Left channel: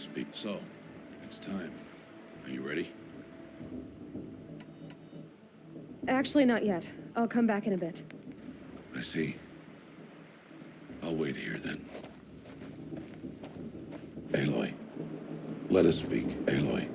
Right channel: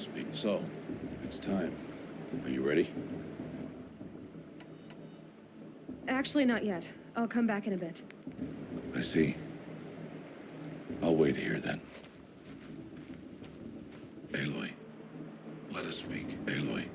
speak. So, it's time. Are you ready? Actually, not yet. I'll come back in a bit. I see. I'll wait here then. Aloy. Let us speak, Aloy.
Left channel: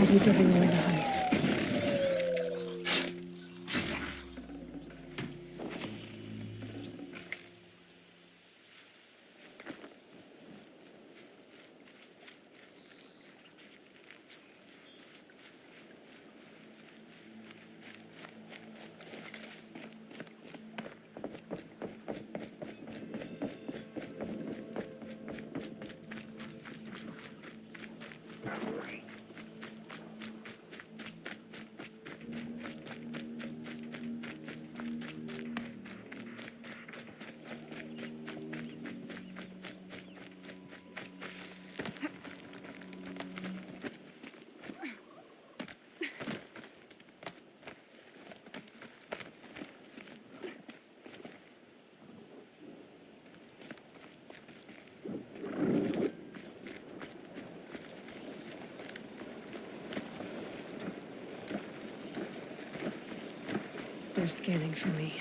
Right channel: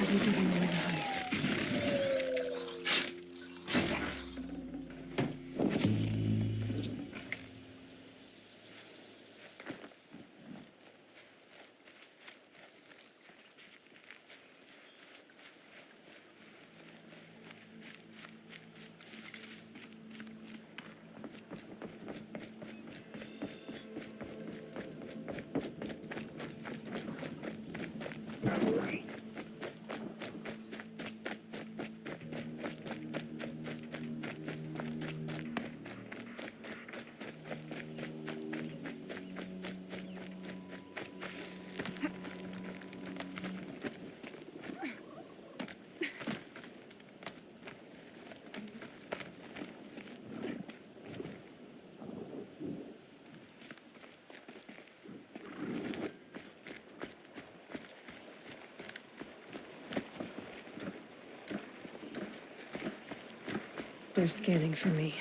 Have you given away the honey? They're scanning for me.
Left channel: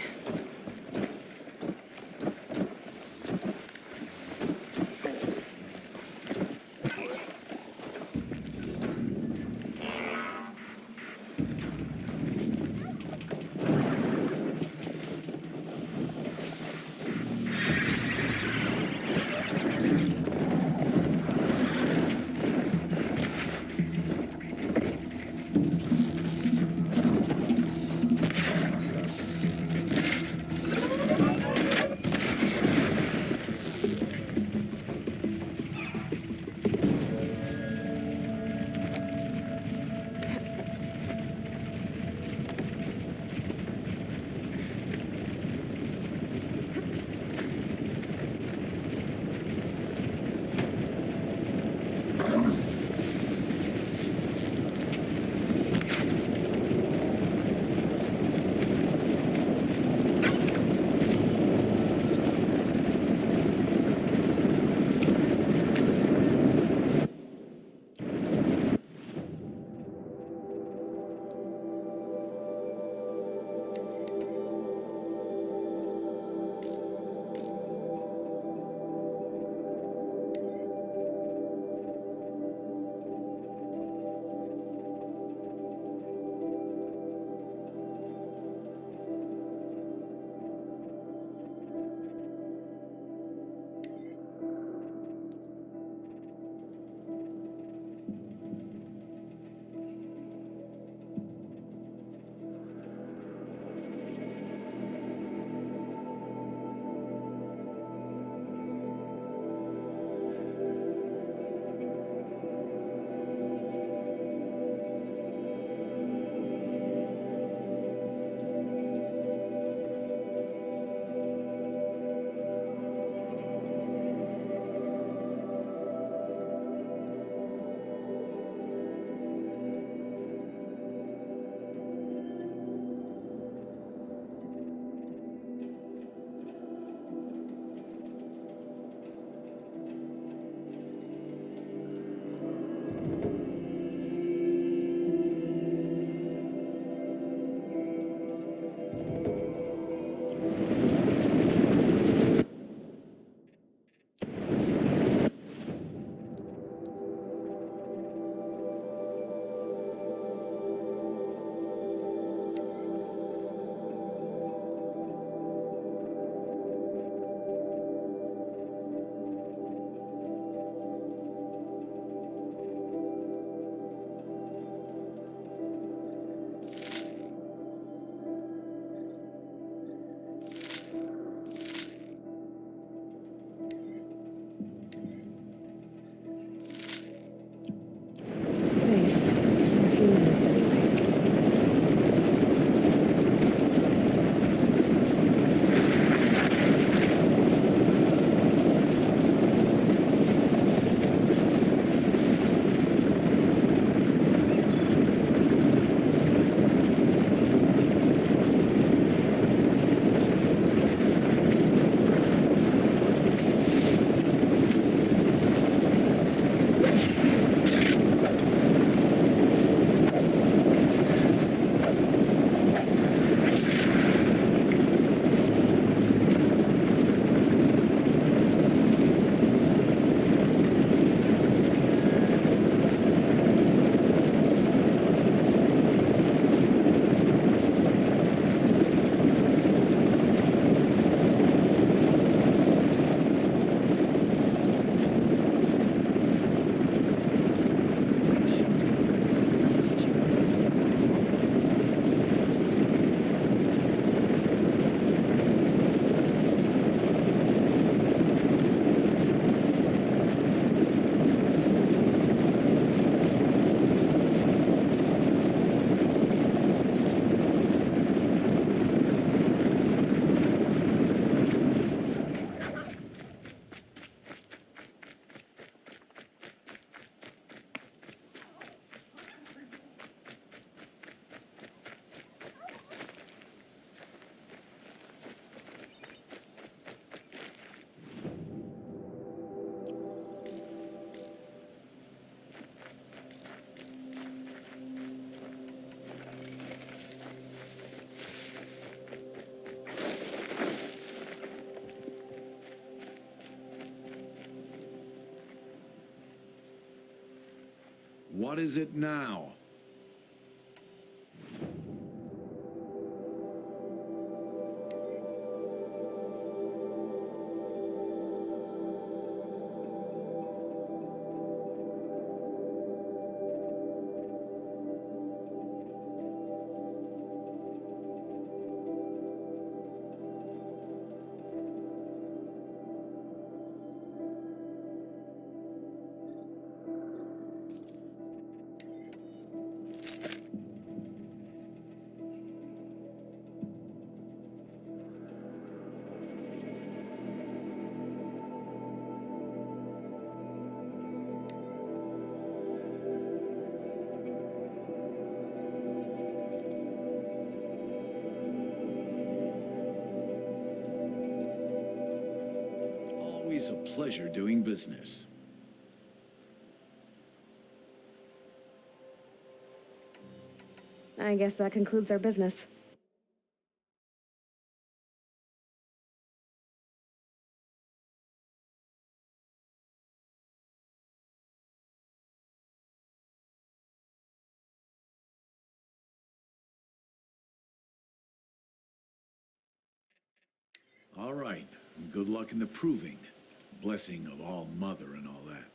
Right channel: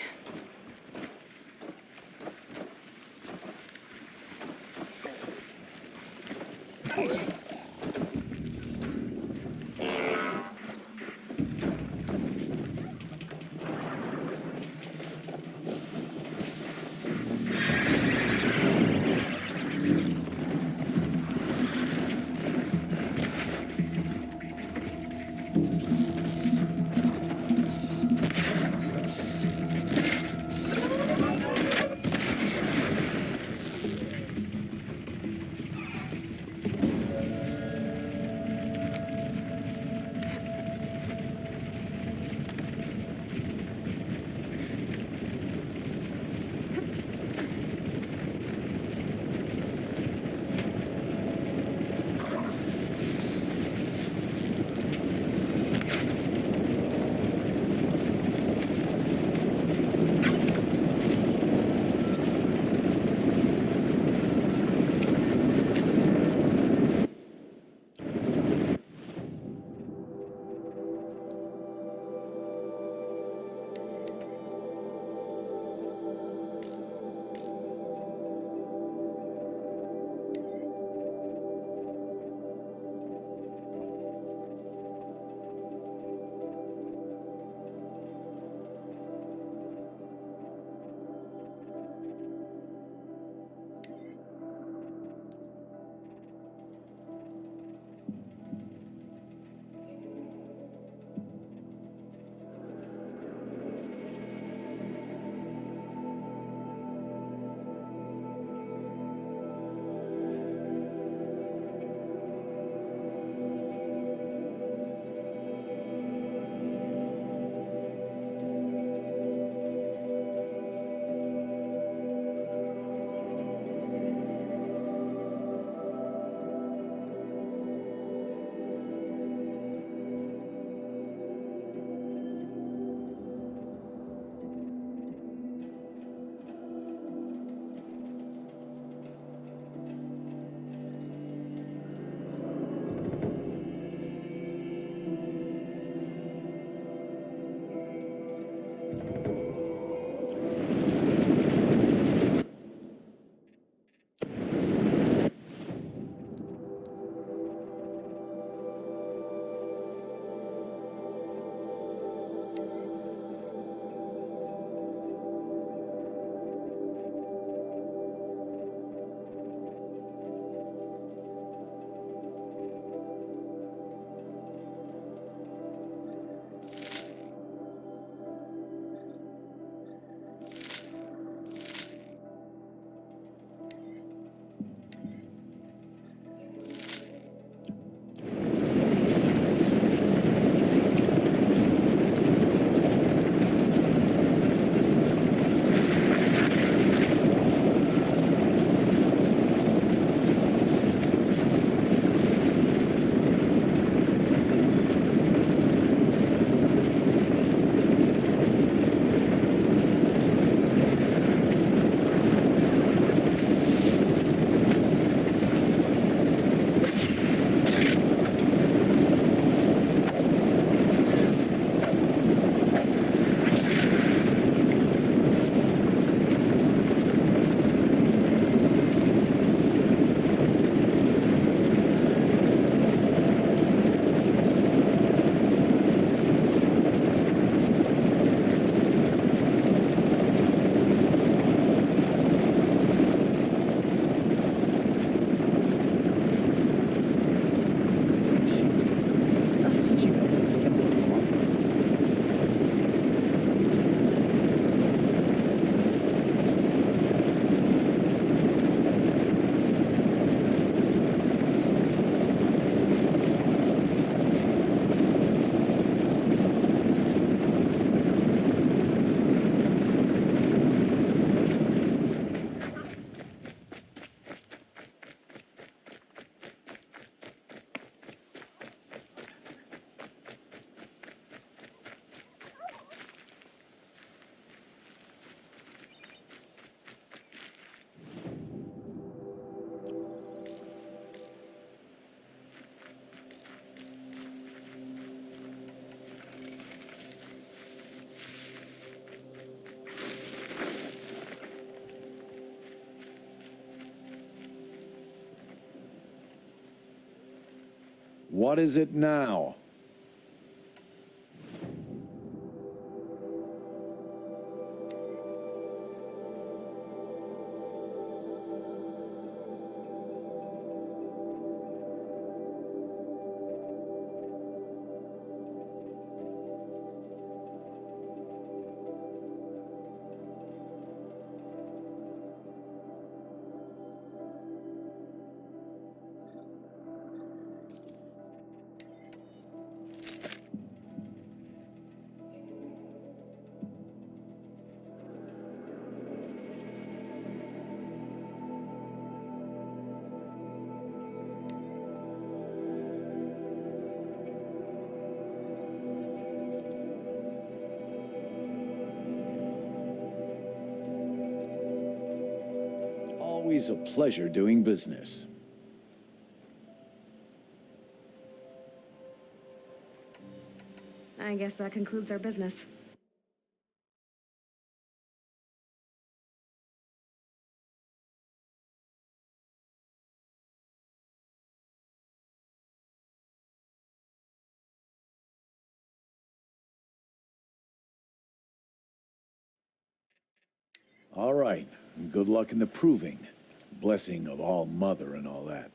What is it now? Always a pleasure doing business. I guess that concludes our business. All right, and good luck in the proving. Blessing of all mother and all that.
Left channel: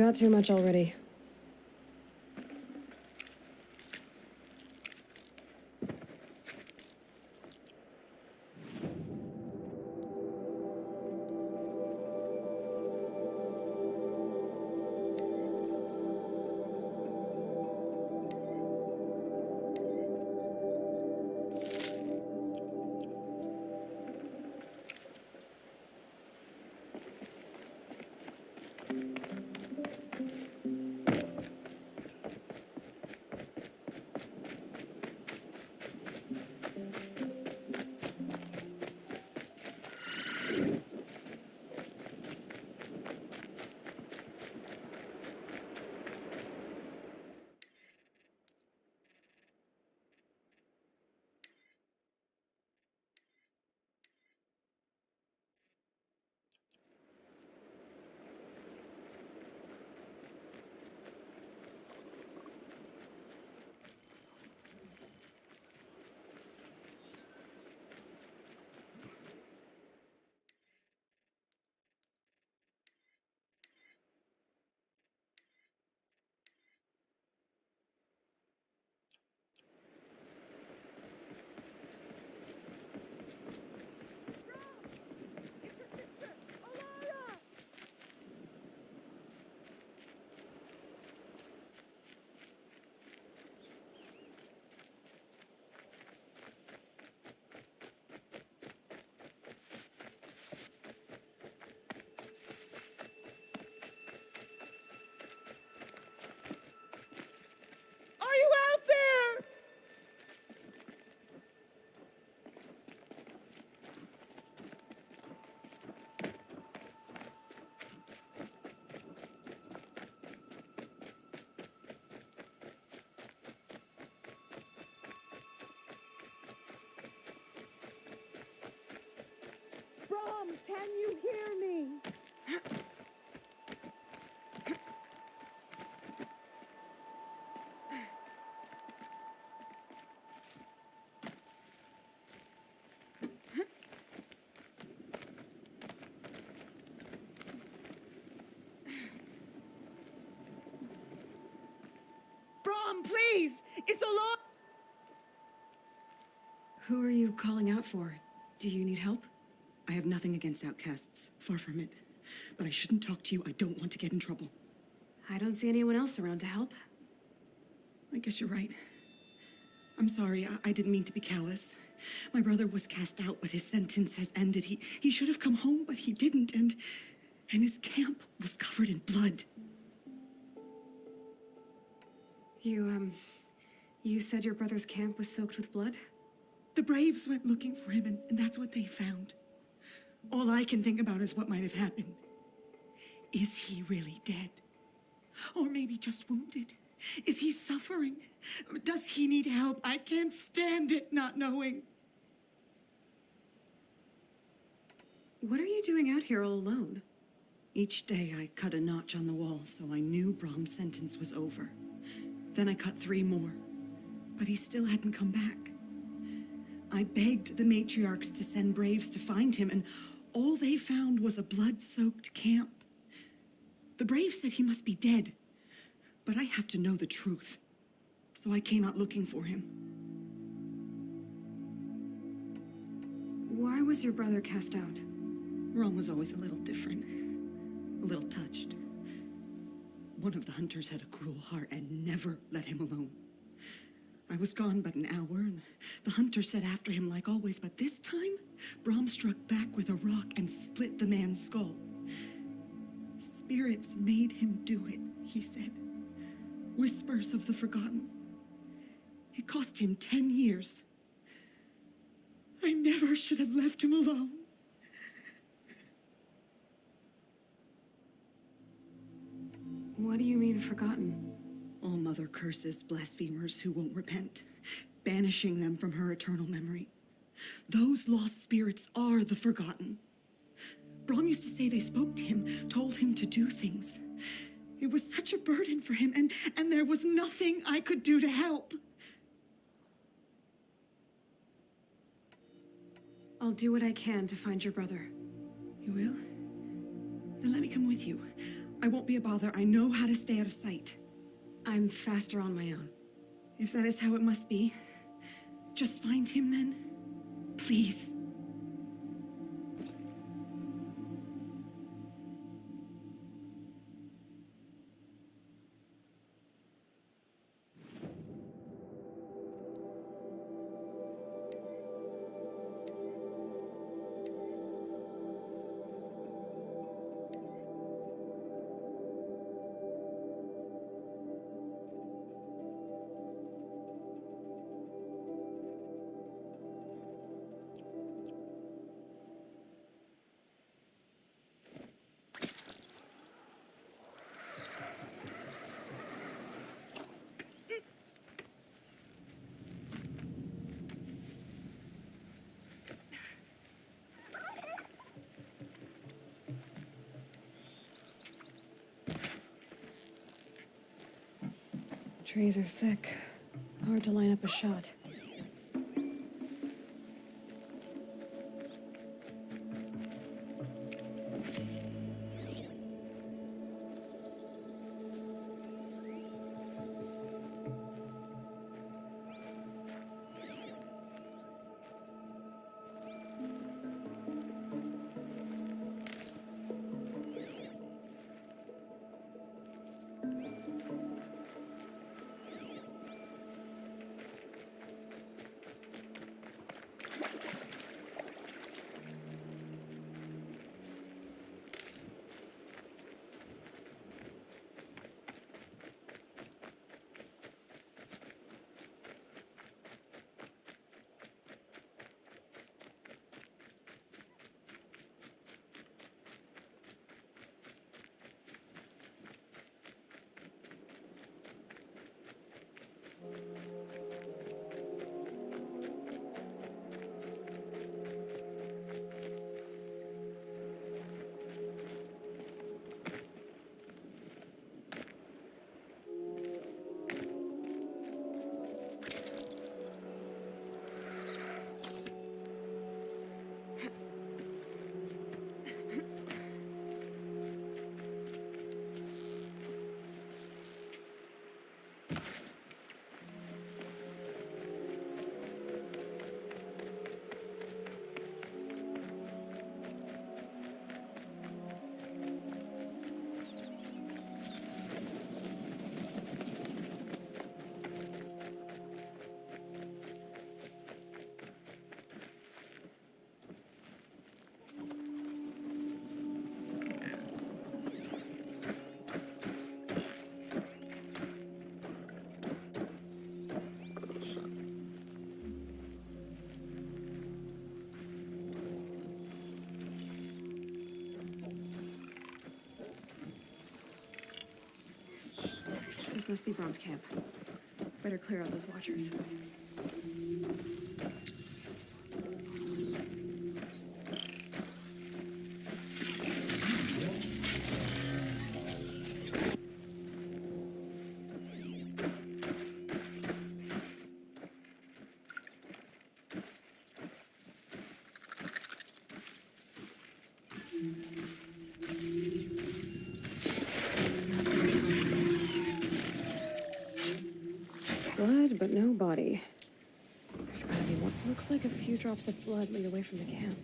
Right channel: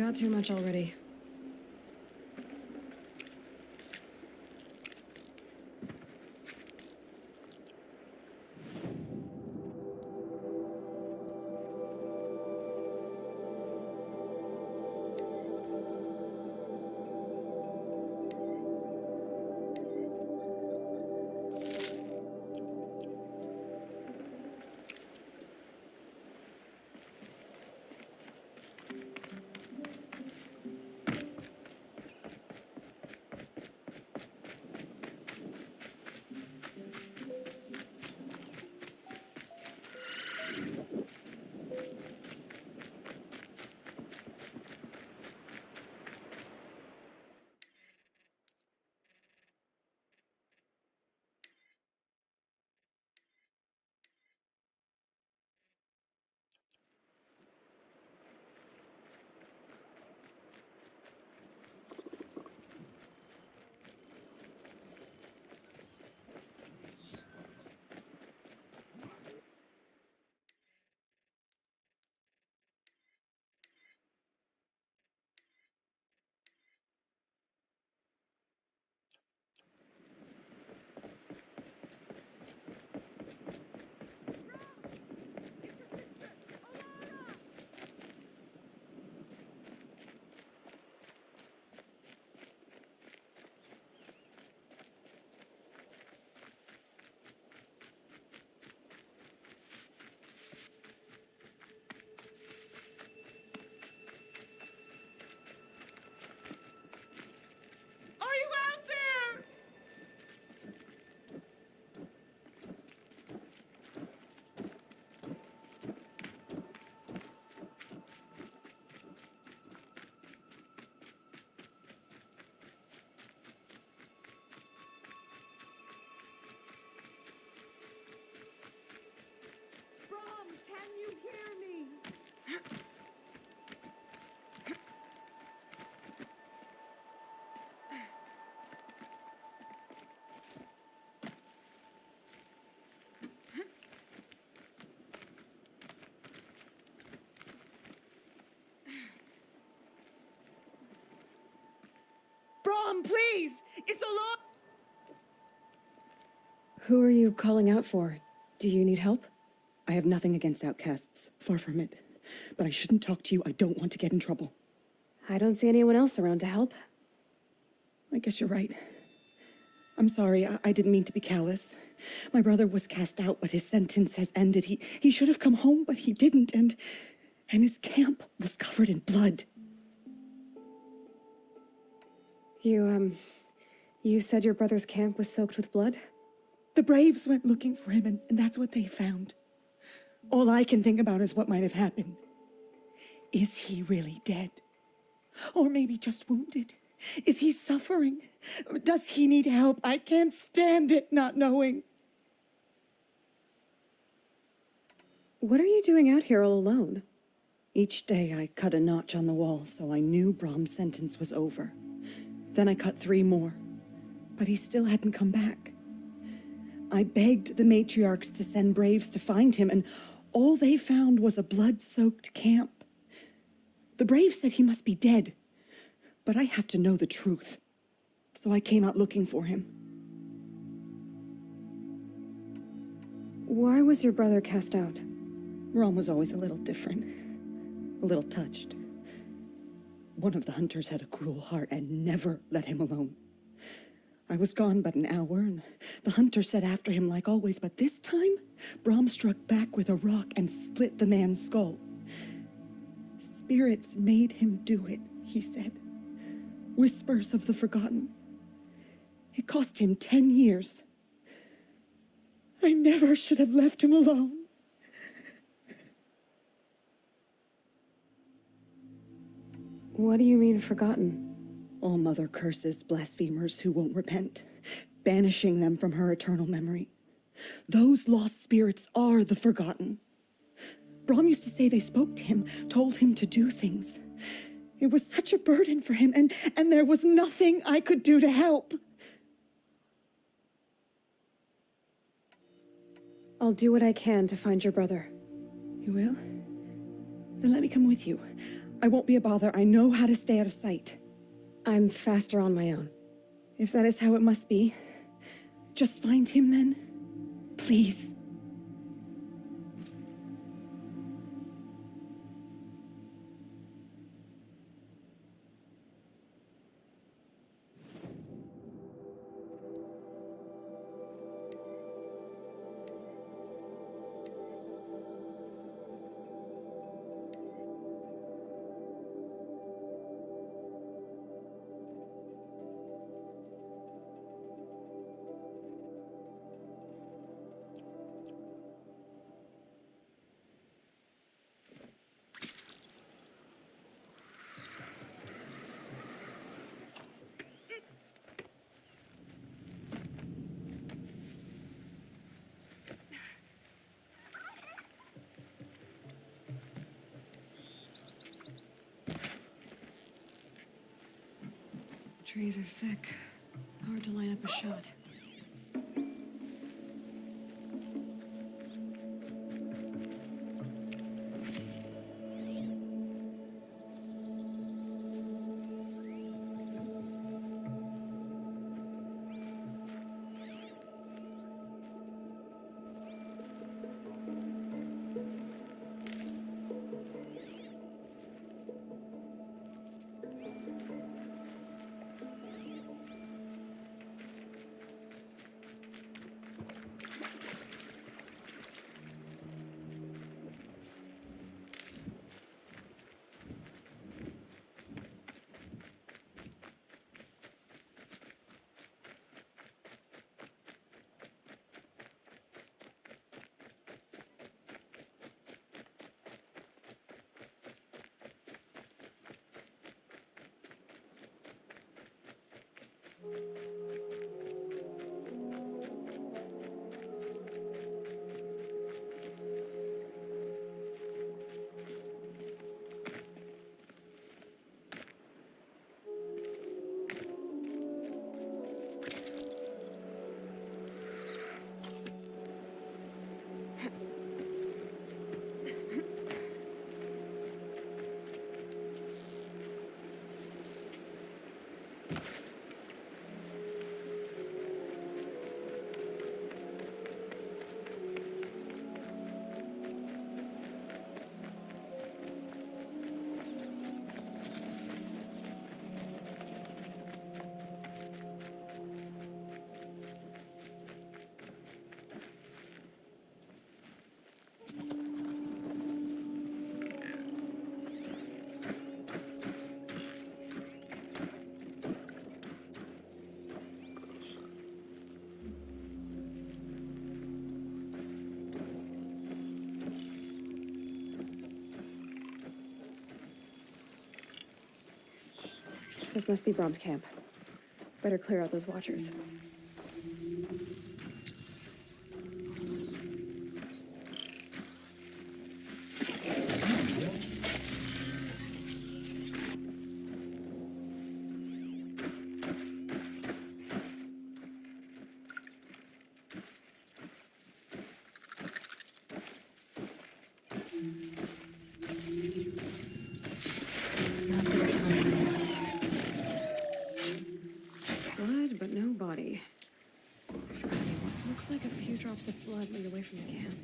Got too much already. Brom, please! It's alarm! Who are you calling out for? Do you need help? I have nothing against outcasts. Far from it. But I shouldn't talk to you. I don't want to get in trouble. I don't see anyone else around to help. I guess you're right. I'm sorry. I didn't mean to be callous. My brother was cast out, but his sentence has ended. He should have come home, but he didn't, and his camp was covered in blood. You said your brother's camp was soaked with blood? The Braves went looking for him, and that's what they found. All I can think about is what might have happened. Is he really dead? Or maybe just wounded? Is he suffering? Does he need help? I can't stand it not knowing. What are you doing out here all alone? Each day I cut a notch on the wall so I knew Brom's sentence was over. Then I cut 3 more, but he still hadn't come back. I begged the matriarchs to send braves to find him, and all they found was a blood-soaked camp. The braves said he must be dead, but I have to know the truth. So I came out looking for him. Why was your brother cast out? Brom was always a little different, a little touched. One of the hunters had a cruel heart and never let him alone. I was gone but an hour, and the hunter set after him like always, but this time, Brom struck back with a rock and split the man's skull. Spirits made him do it, he said. Whispers of the forgotten. It cost him 10 years. I never should have left him alone. What do you mean, forgotten? All mother curses blasphemers who won't repent, banishing them from her eternal memory. Those lost spirits are the forgotten. Brom used to say they spoke to him, told him to do things. It was such a burden for him, and there was nothing I could do to help. I'll do what I can to find your brother. You will? Then let me come with you. I won't be a bother. I know how to stay out of sight. I'm faster on my own. If that is how it must be, just find him then. Please. Trees are thick. Hard to line up a shot. This must be Brom's camp. Better clear out those watchers. Blood, but no body. There's gotta be what looks like a few drops of blood lead away from the camp.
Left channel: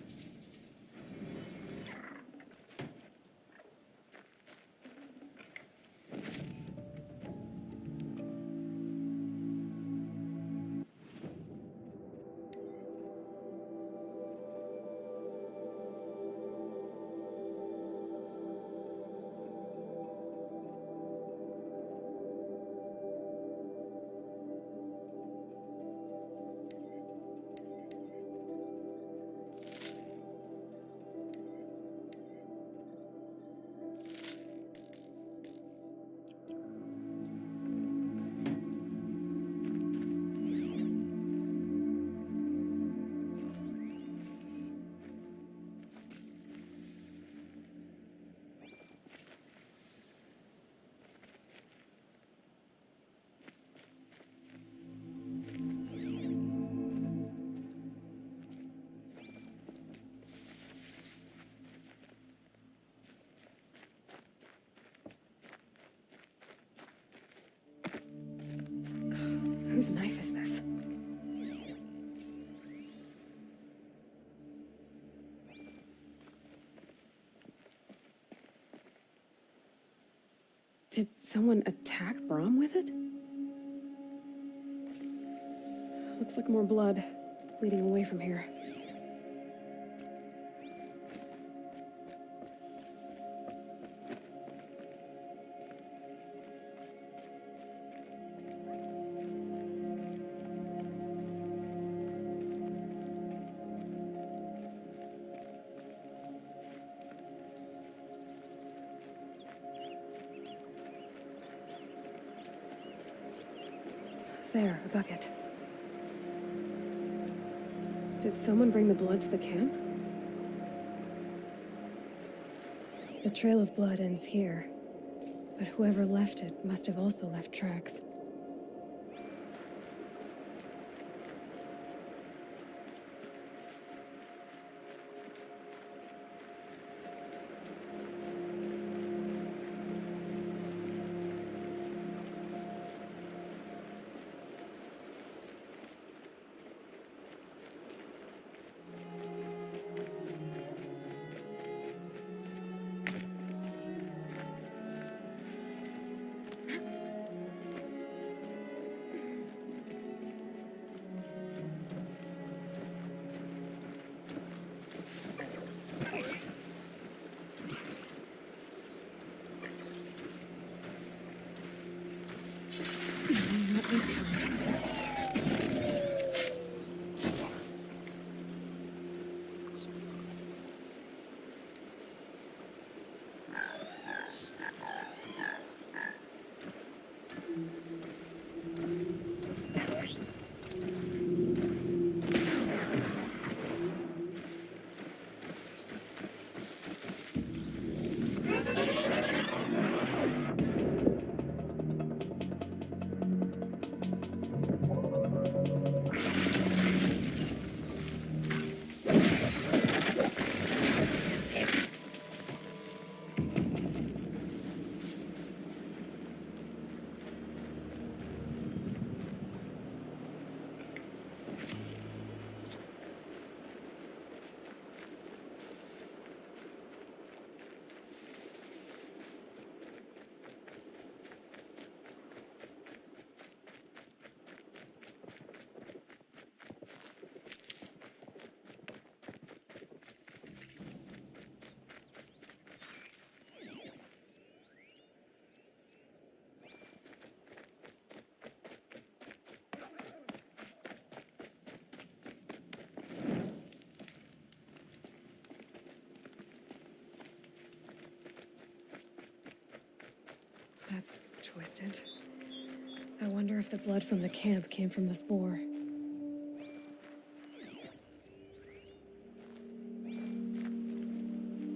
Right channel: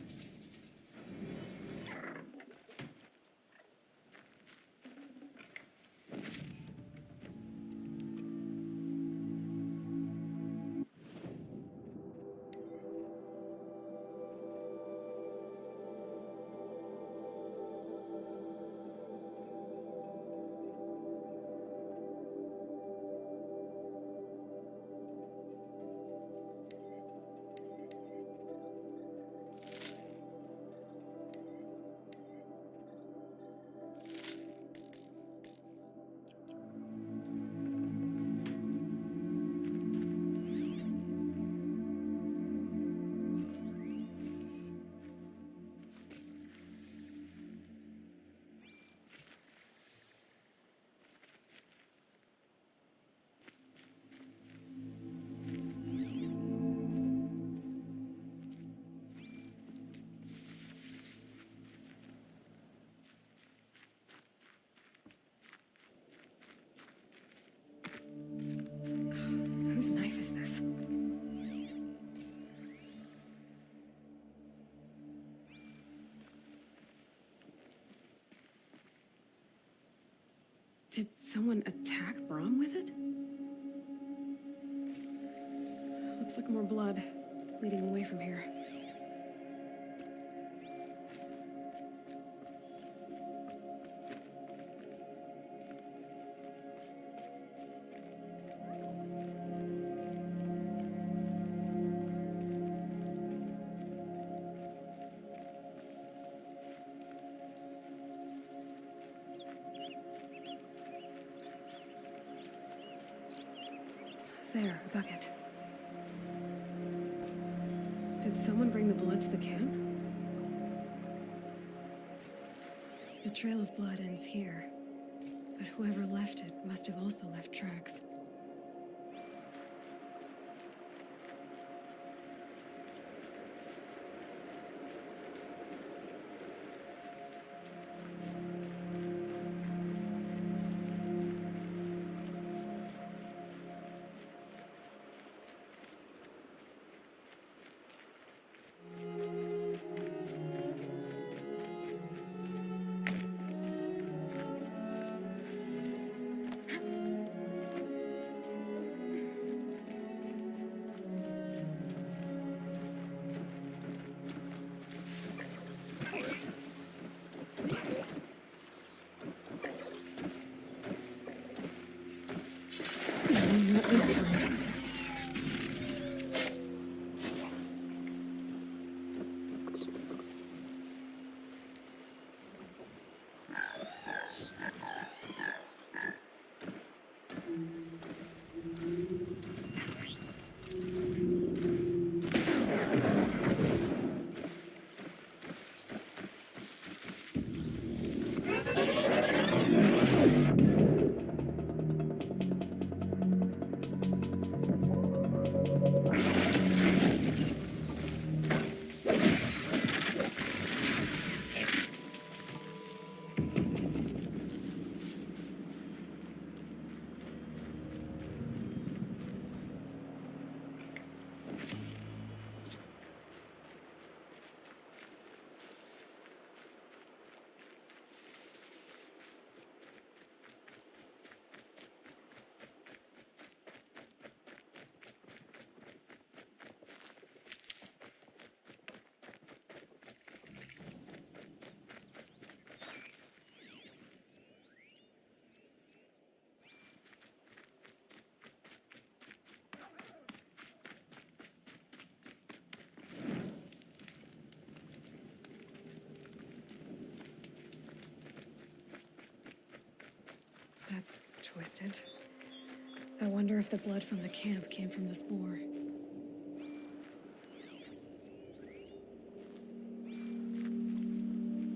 Whose knife is this? Did someone attack Brom with it? Looks like more blood leading away from here. There, a bucket. Did someone bring the blood to the camp? The trail of blood ends here, but whoever left it must have also left tracks. Not this time. That's twisted. I wonder if the blood from the camp came from this boar.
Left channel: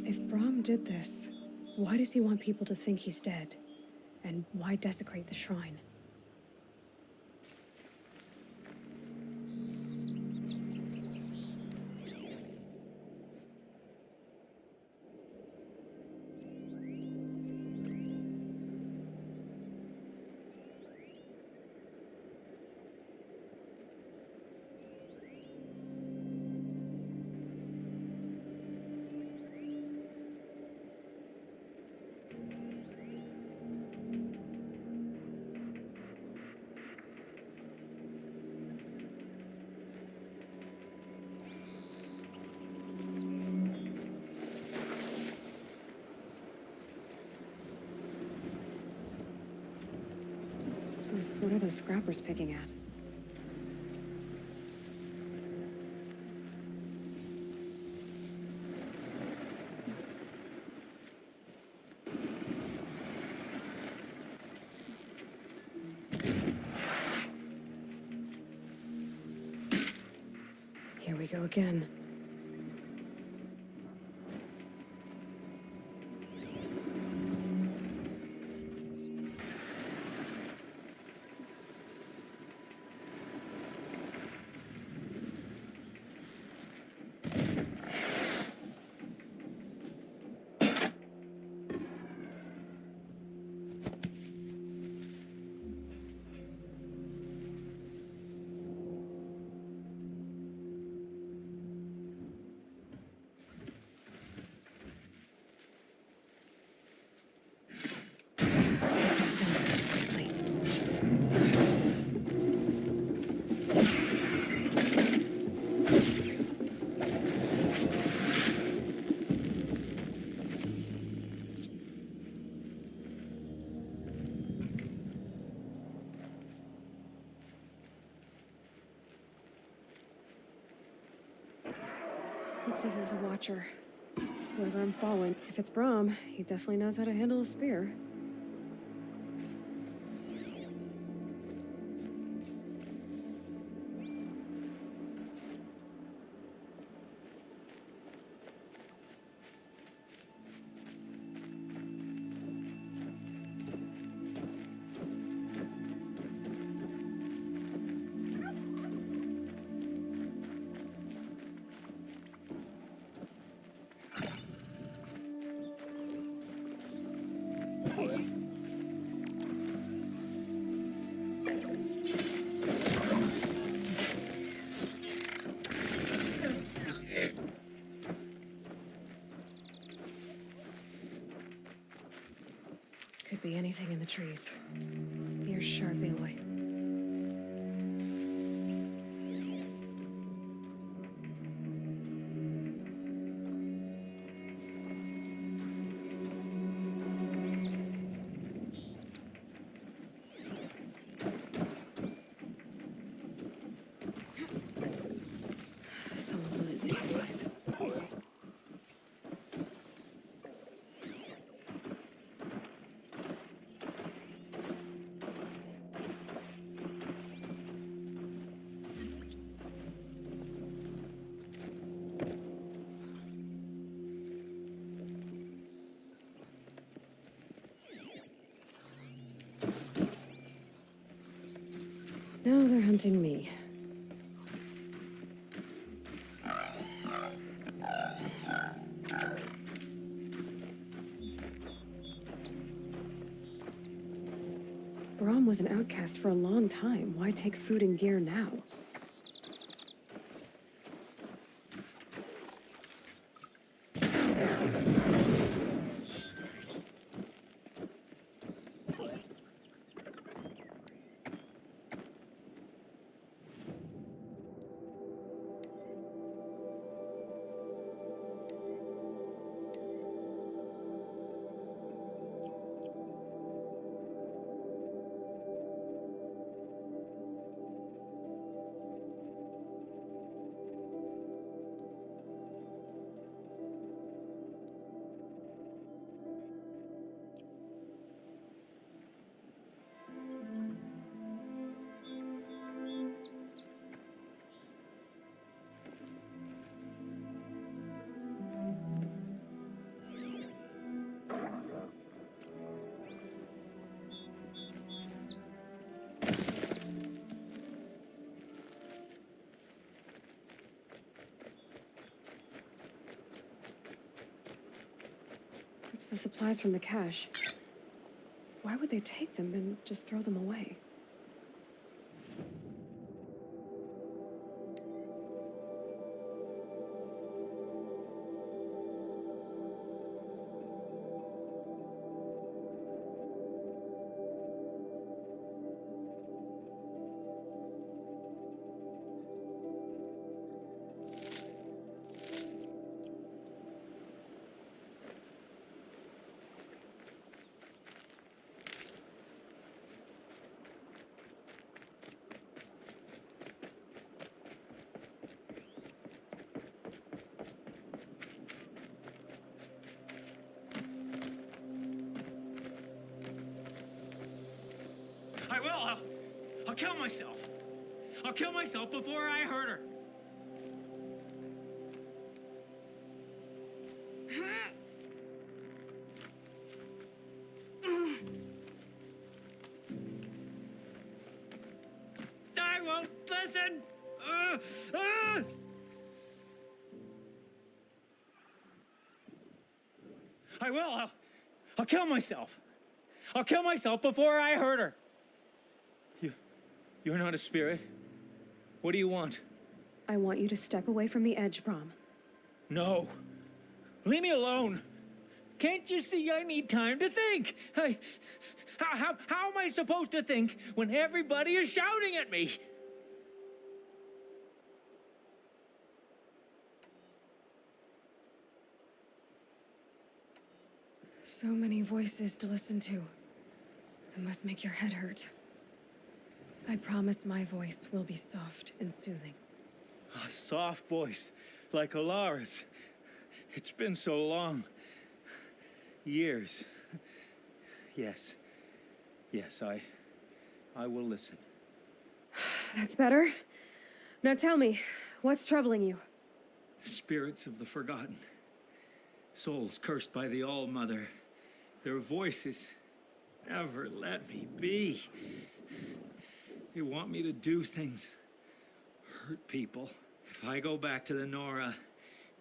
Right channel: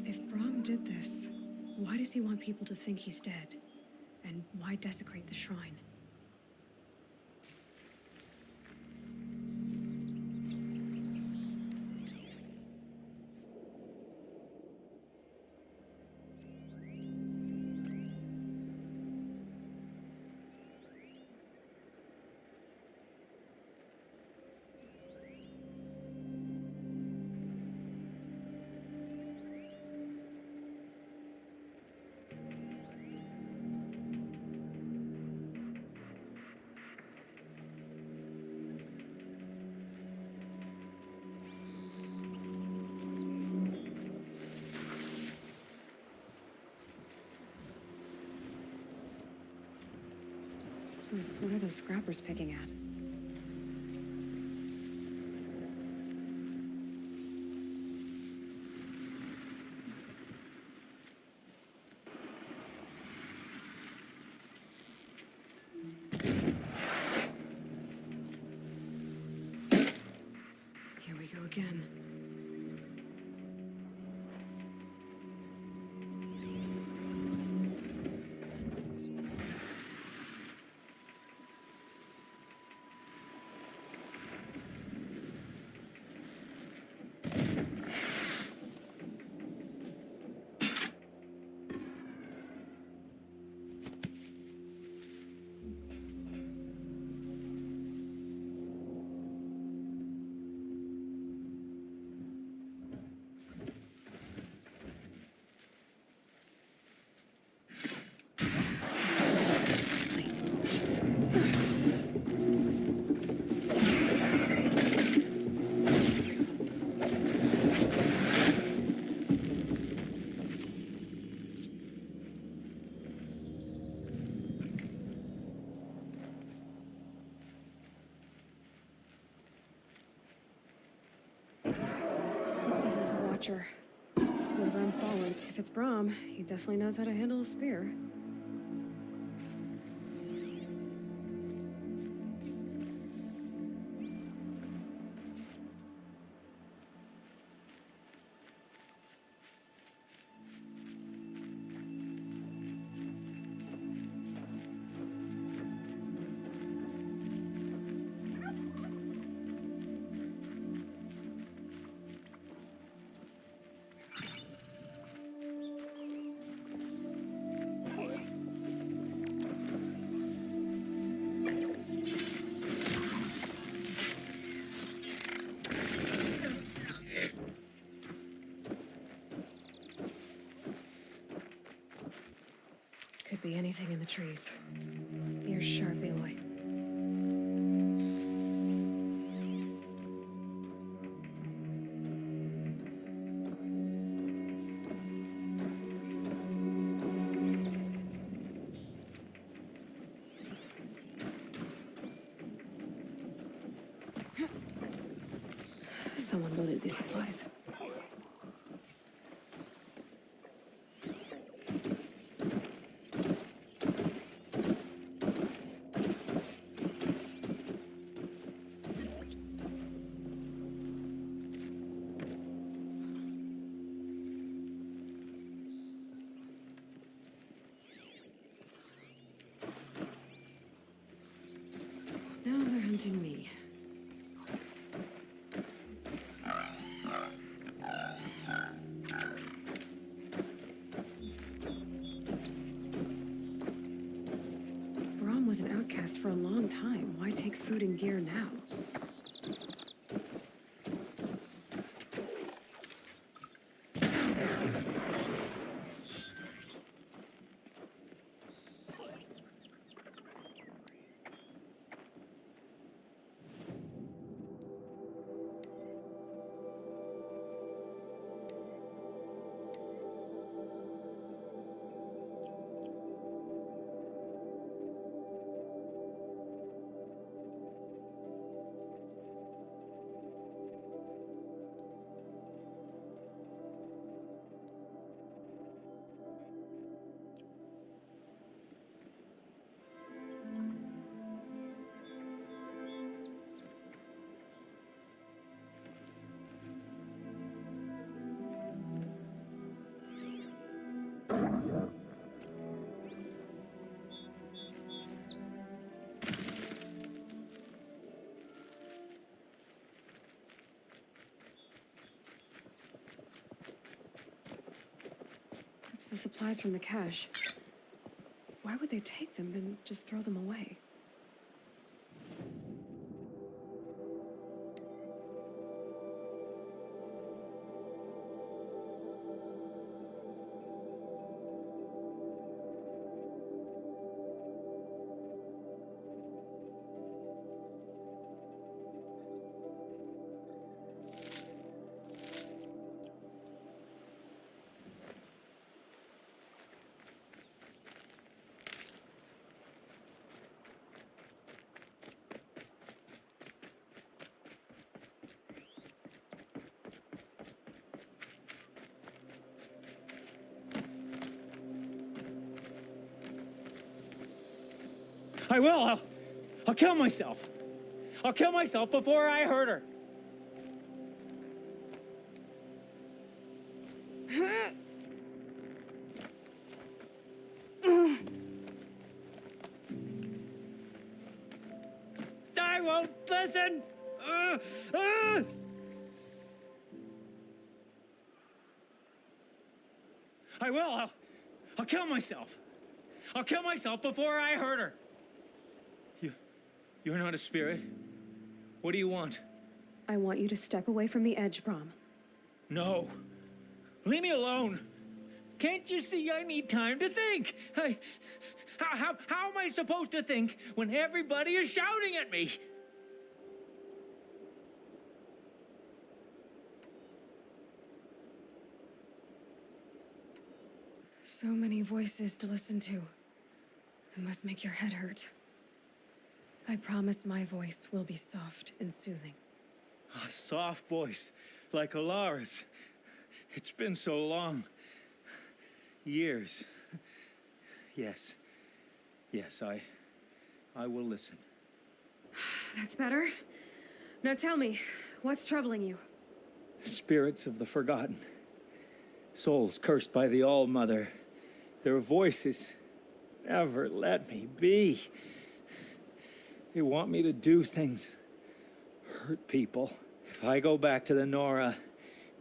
If Brahm did this, why does he want people to think he's dead? And why desecrate the shrine? What are those scrappers picking at? Here we go again. Looks like he was a watcher. Whoever I'm following, if it's Brahm, he definitely knows how to handle a spear. Could be anything in the trees. Ears sharp, Aloy. Someone loaded these supplies. Now they're hunting me. Brahm was an outcast for a long time. Why take food and gear now? the supplies from the cache. Why would they take them and just throw them away? I will. I'll kill myself. I'll kill myself before I hurt her. I won't listen. I will. I'll kill myself. I'll kill myself before I hurt her. You're not a spirit. What do you want? I want you to step away from the edge, Brom. No. Leave me alone. Can't you see I need time to think? How am I supposed to think when everybody is shouting at me? So many voices to listen to. It must make your head hurt. I promise my voice will be soft and soothing. A soft voice, like Alara's. It's been so long. Years. Yes. Yes, I will listen. That's better. Now tell me, what's troubling you? Spirits of the forgotten. Souls cursed by the All-Mother. Their voices never let me be. They want me to do things, hurt people. If I go back to the Nora,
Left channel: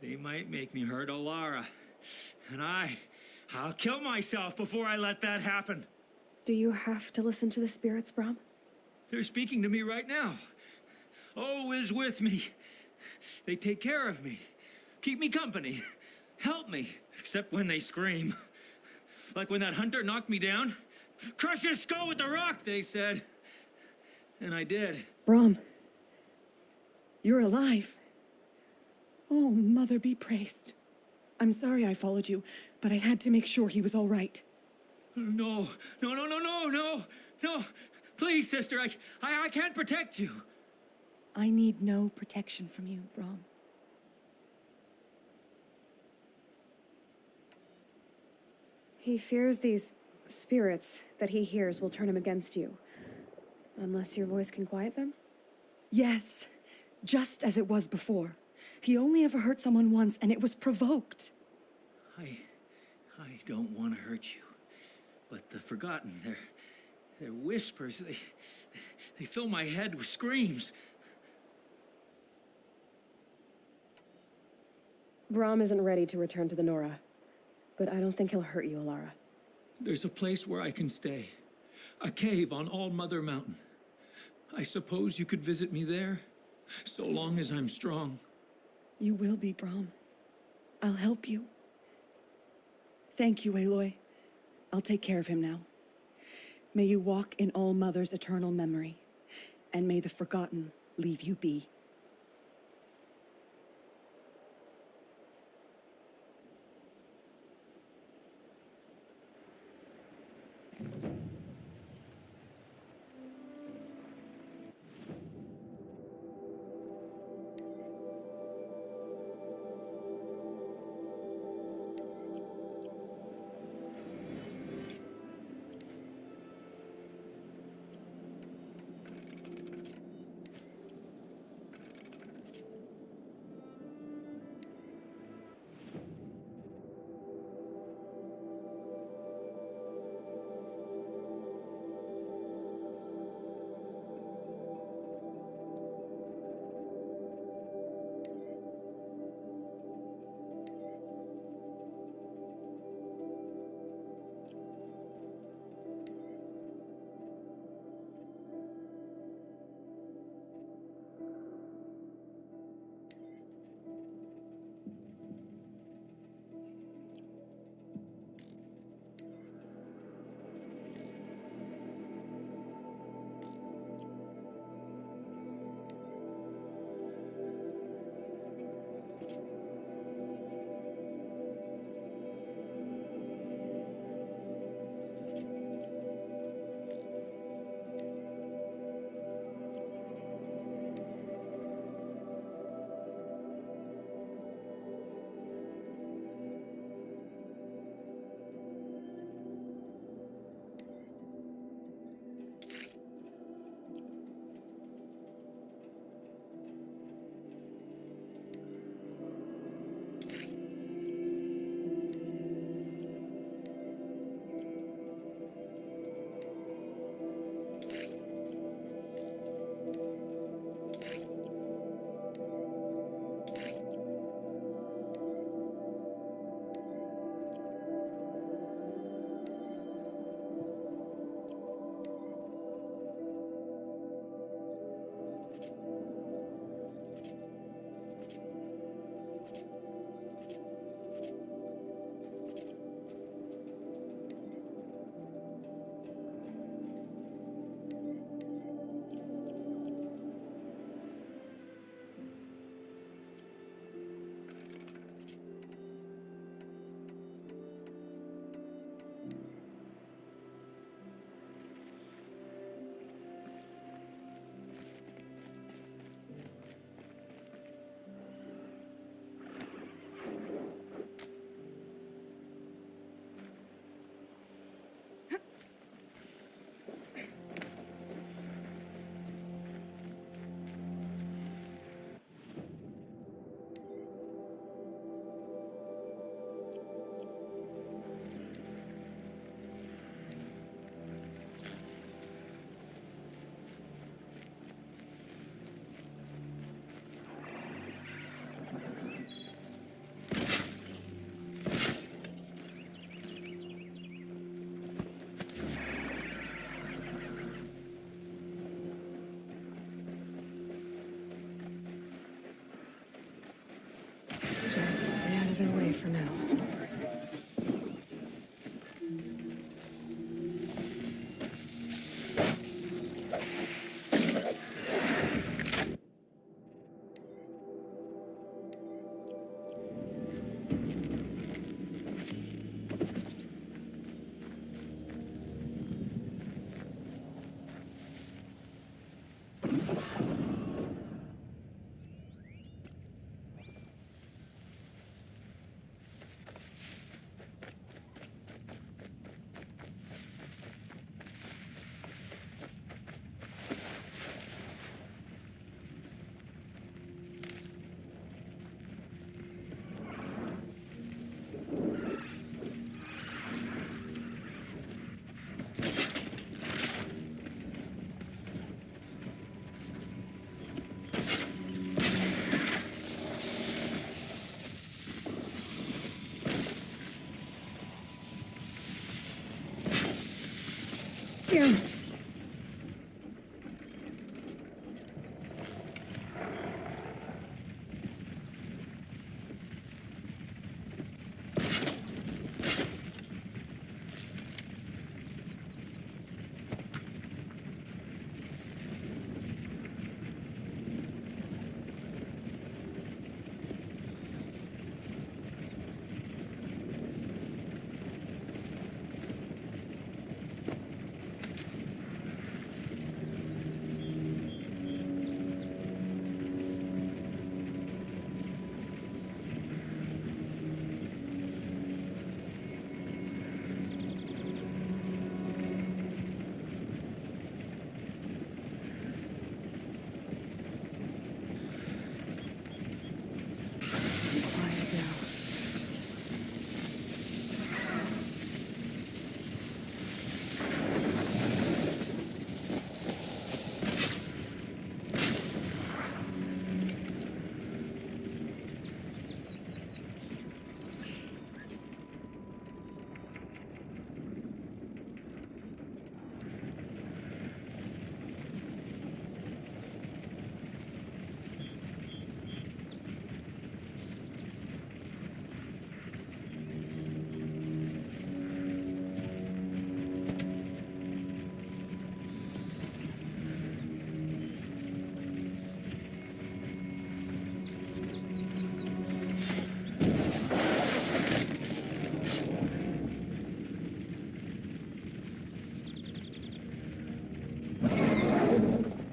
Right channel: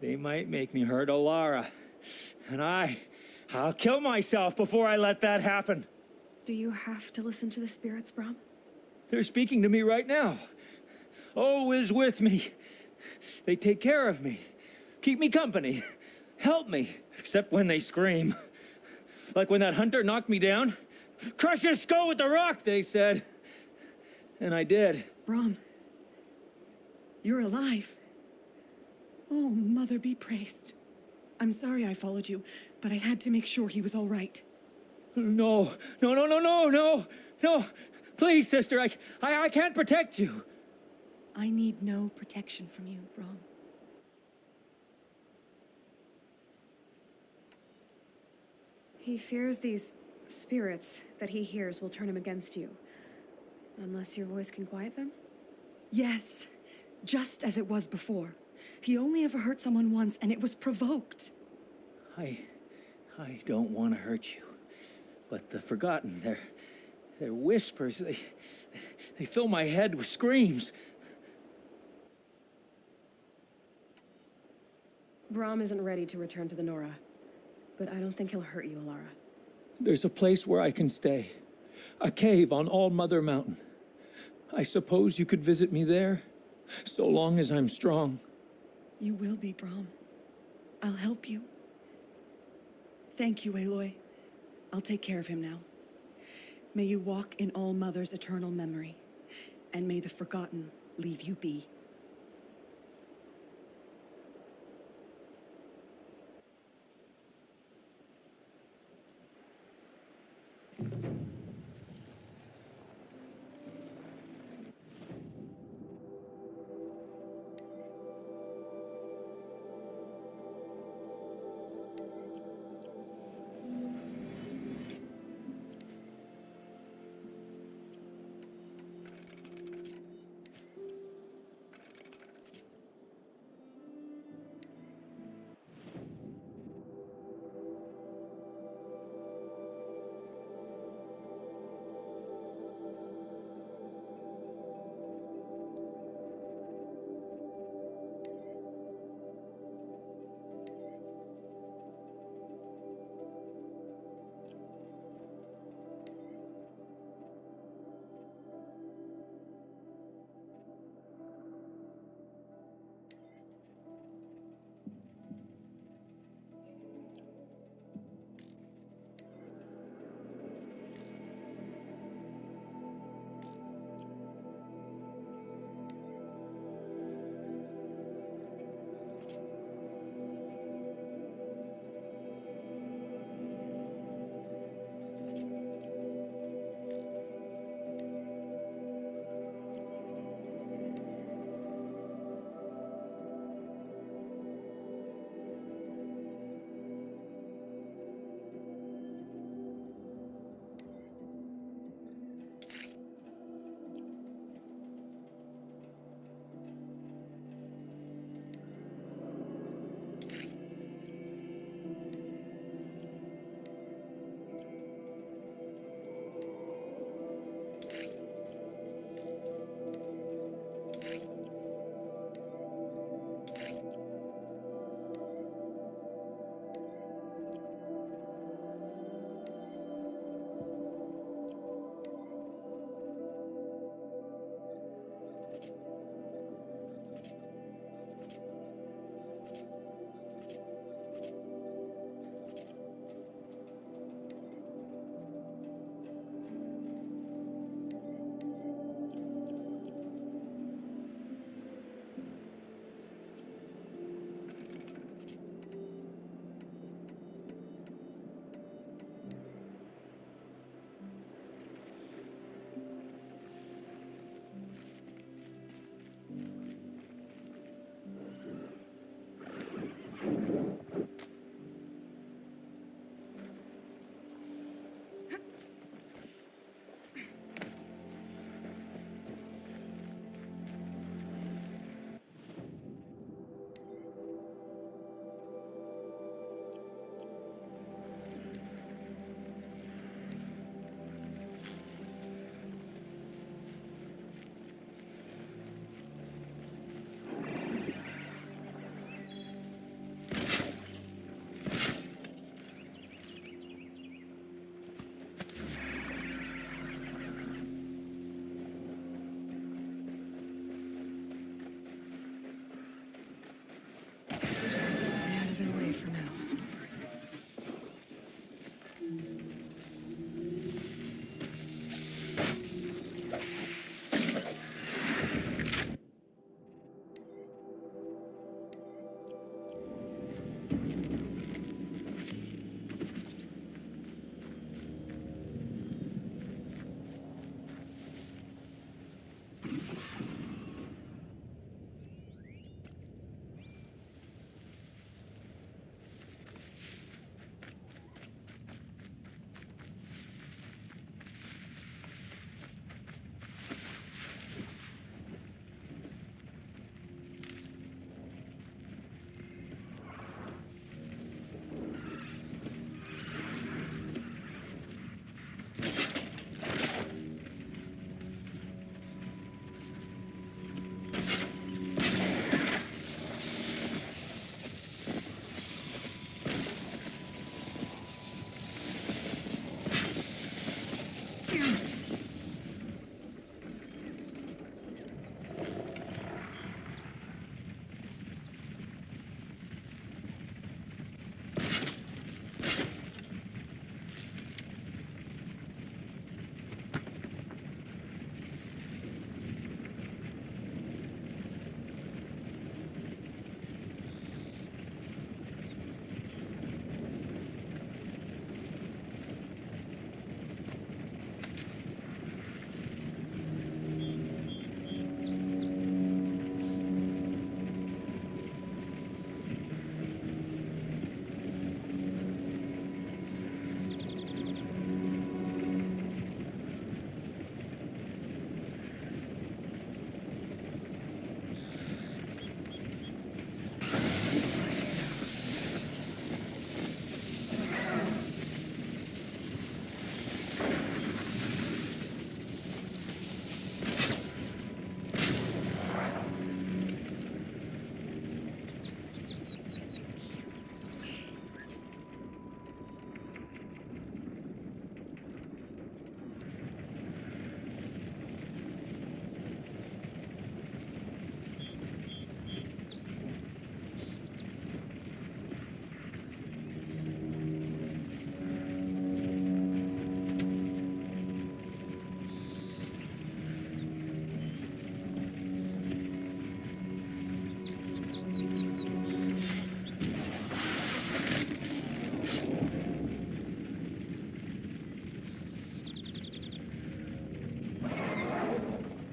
they might make me hurt Alara. And I'll kill myself before I let that happen. Do you have to listen to the spirits, Brom? They're speaking to me right now. Oh is with me. They take care of me, keep me company, help me, except when they scream. Like when that hunter knocked me down. Crush his skull with the rock, they said. And I did. Brom, you're alive. Oh, Mother be praised. I'm sorry I followed you, but I had to make sure he was all right. No. Please, sister, I can't protect you. I need no protection from you, Brom. He fears these spirits that he hears will turn him against you. Unless your voice can quiet them? Yes, just as it was before. He only ever hurt someone once, and it was provoked. I don't want to hurt you. But the forgotten, their whispers, they fill my head with screams. Brom isn't ready to return to the Nora, but I don't think he'll hurt you, Alara. There's a place where I can stay. A cave on All Mother Mountain. I suppose you could visit me there, so long as I'm strong. You will be, Brom. I'll help you. Thank you, Aloy. I'll take care of him now. May you walk in All Mother's eternal memory, and may the forgotten leave you be.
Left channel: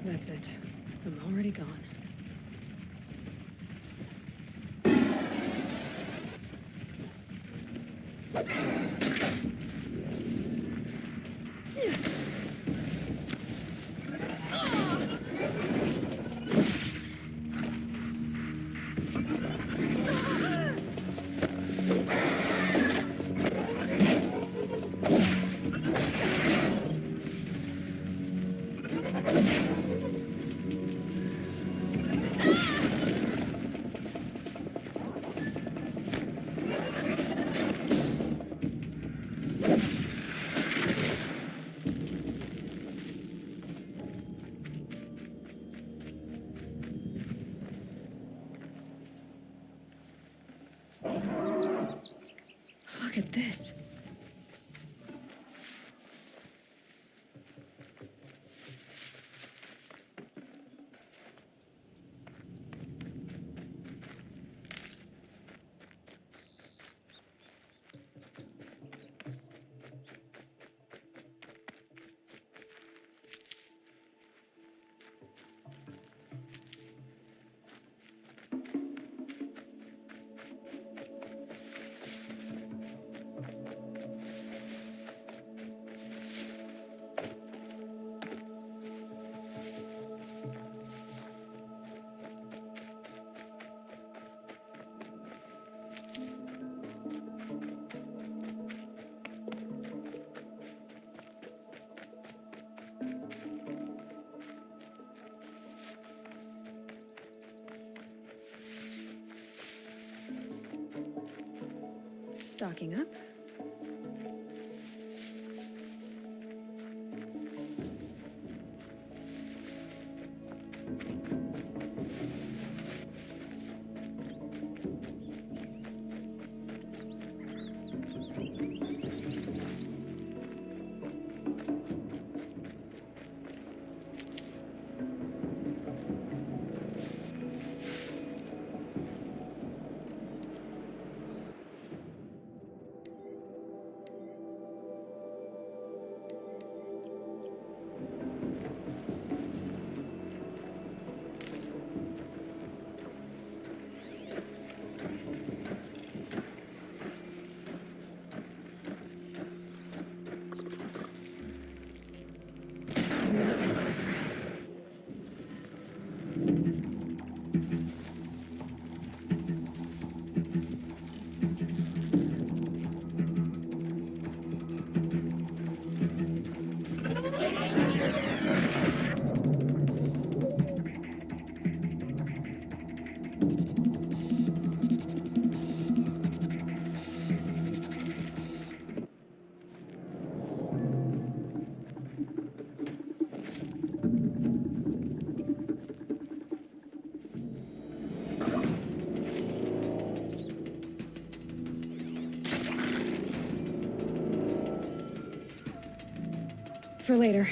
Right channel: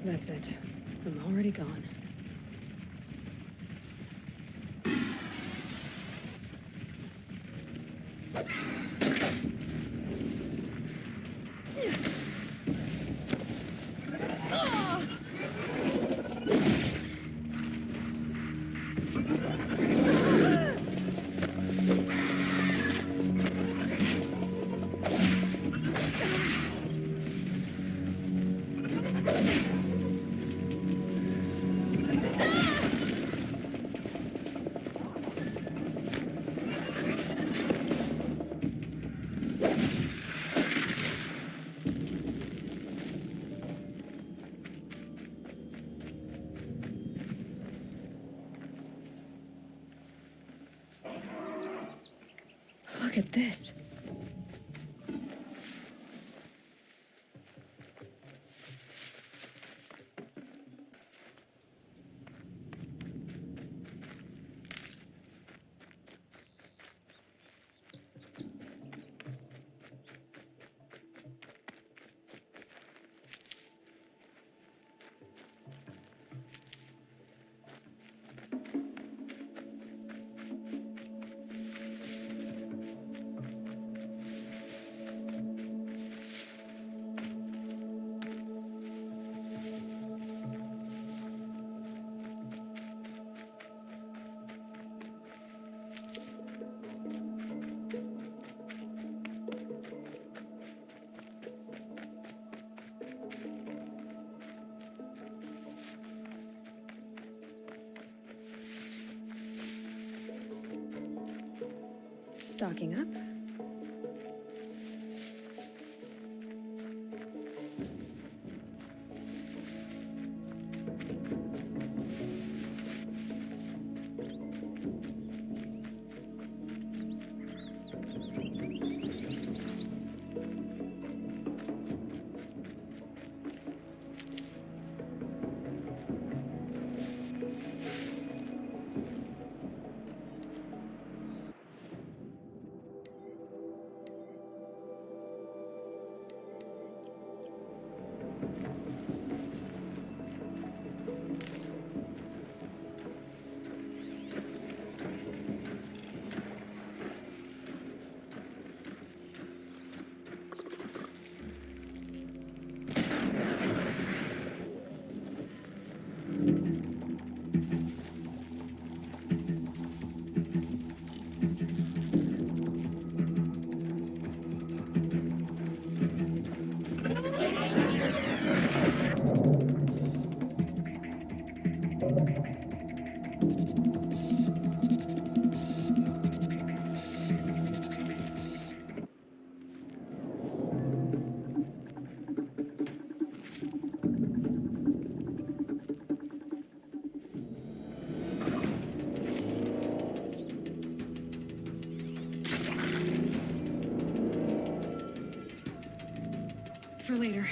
That's it. I'm already gone. Look at this. Stocking up. for later.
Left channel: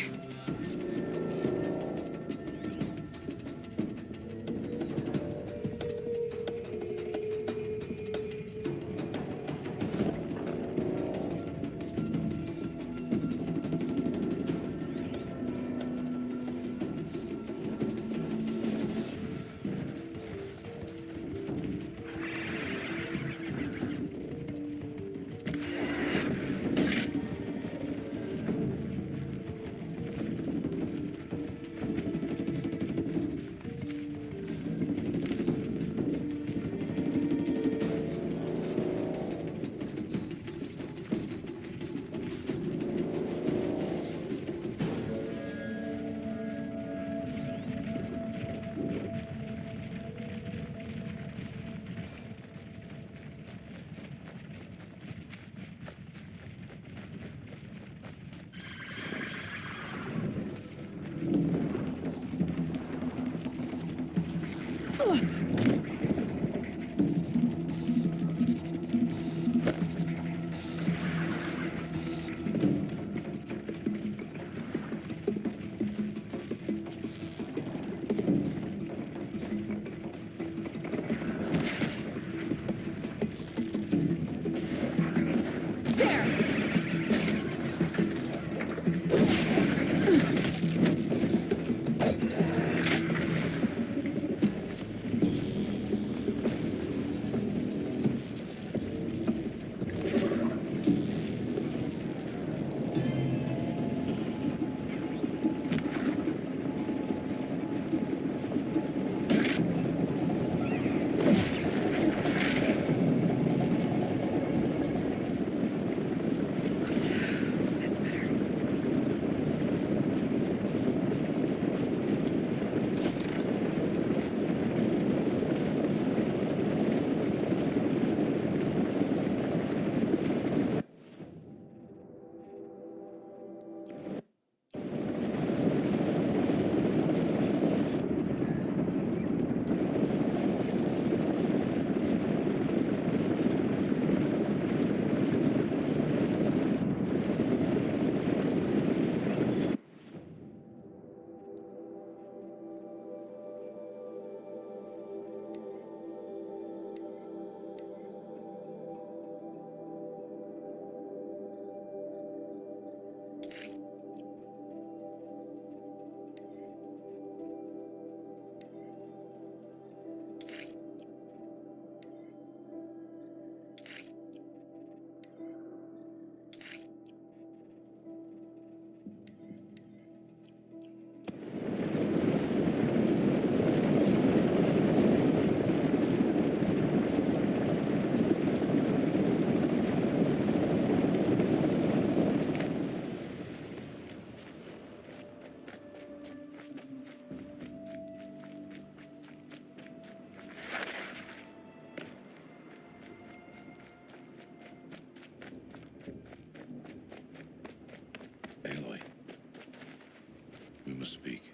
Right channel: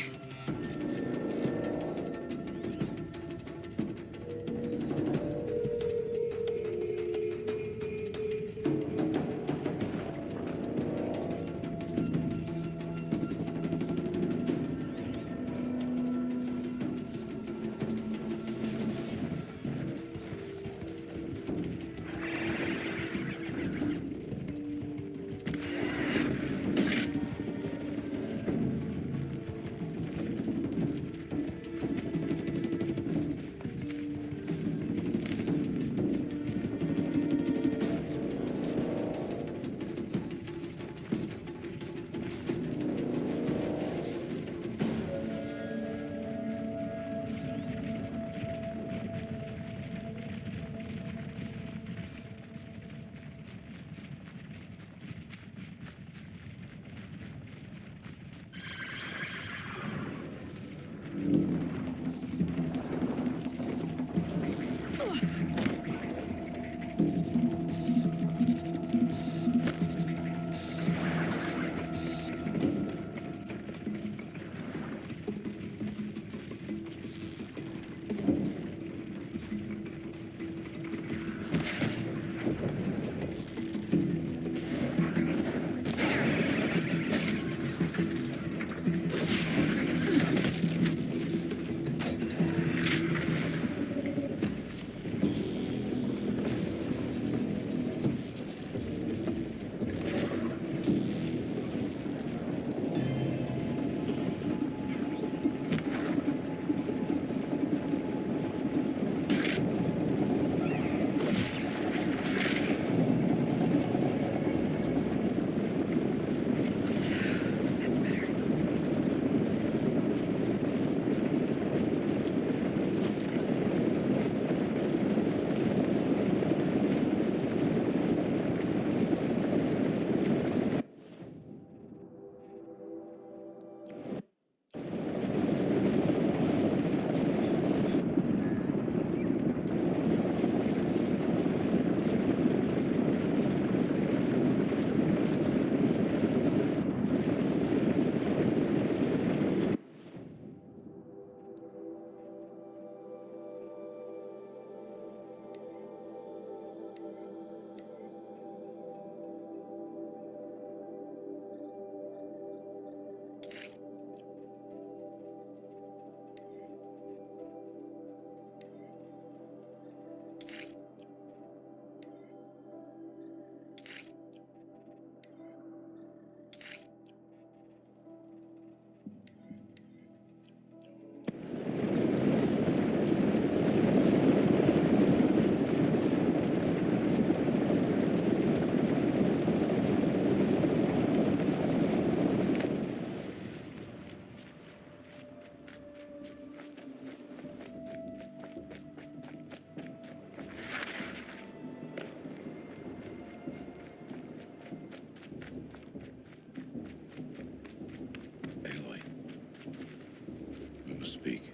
Speak.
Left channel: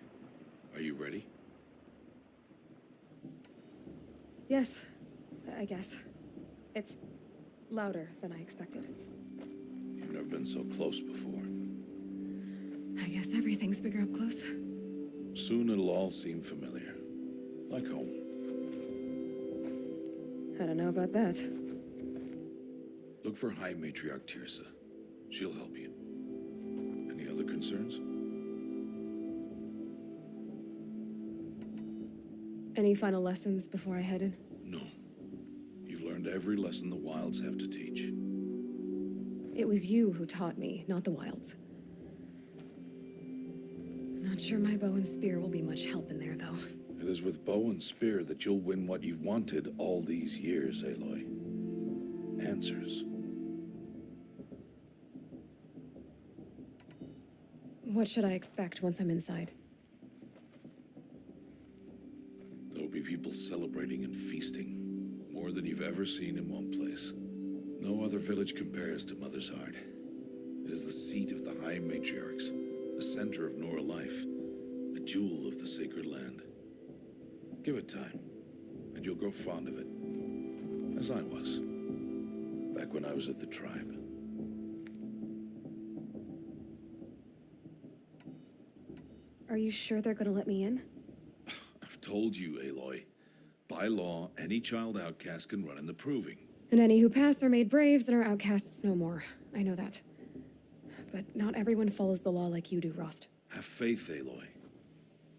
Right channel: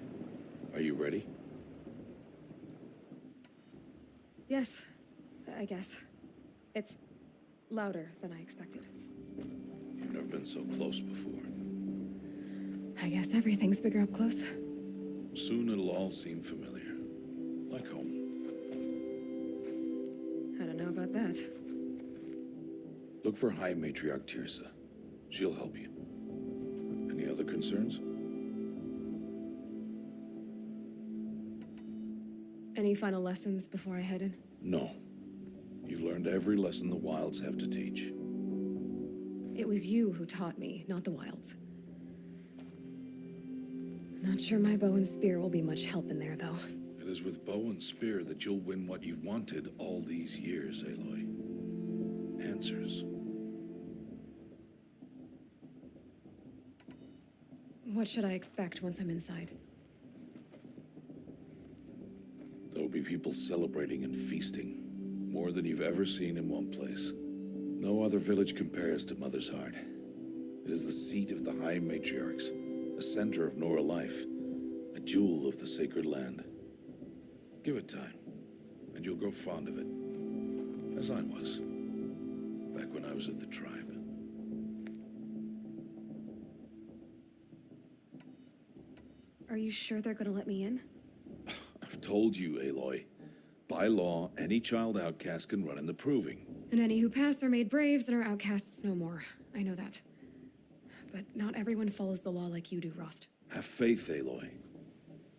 Are you ready? Yes, I guess. It's louder than I expected. You've never been so close before. I guess everything's bigger up close. Soon it'll all seem familiar. Like home. I don't know about that. Look for High Matriarch Tirsa. She'll help you. Any other concerns? Any final lessons before I head in? No. You've learned every lesson the Wilds have to teach. It was you who taught me, not the Wilds. Not sure my bow and spear will be much help in there, though. It is with bow and spear that you'll win what you've wanted all these years, Aloy. Answers. What should I expect once I'm inside? There will be people celebrating and feasting. More than you've ever seen in one place. No other village compares to Mother's Heart. It is the seat of the High Matriarchs, a center of Nora life, a jewel of the sacred land. Give it time, and you'll grow fond of it. As I was, back when I was of the tribe. Are you sure they're gonna let me in? I've told you, Aloy. By law, any child outcast can run in the proving. And any who pass are made braves and are outcasts no more. I know that. But not everyone follows the law like you do, Rost. Have faith, Aloy.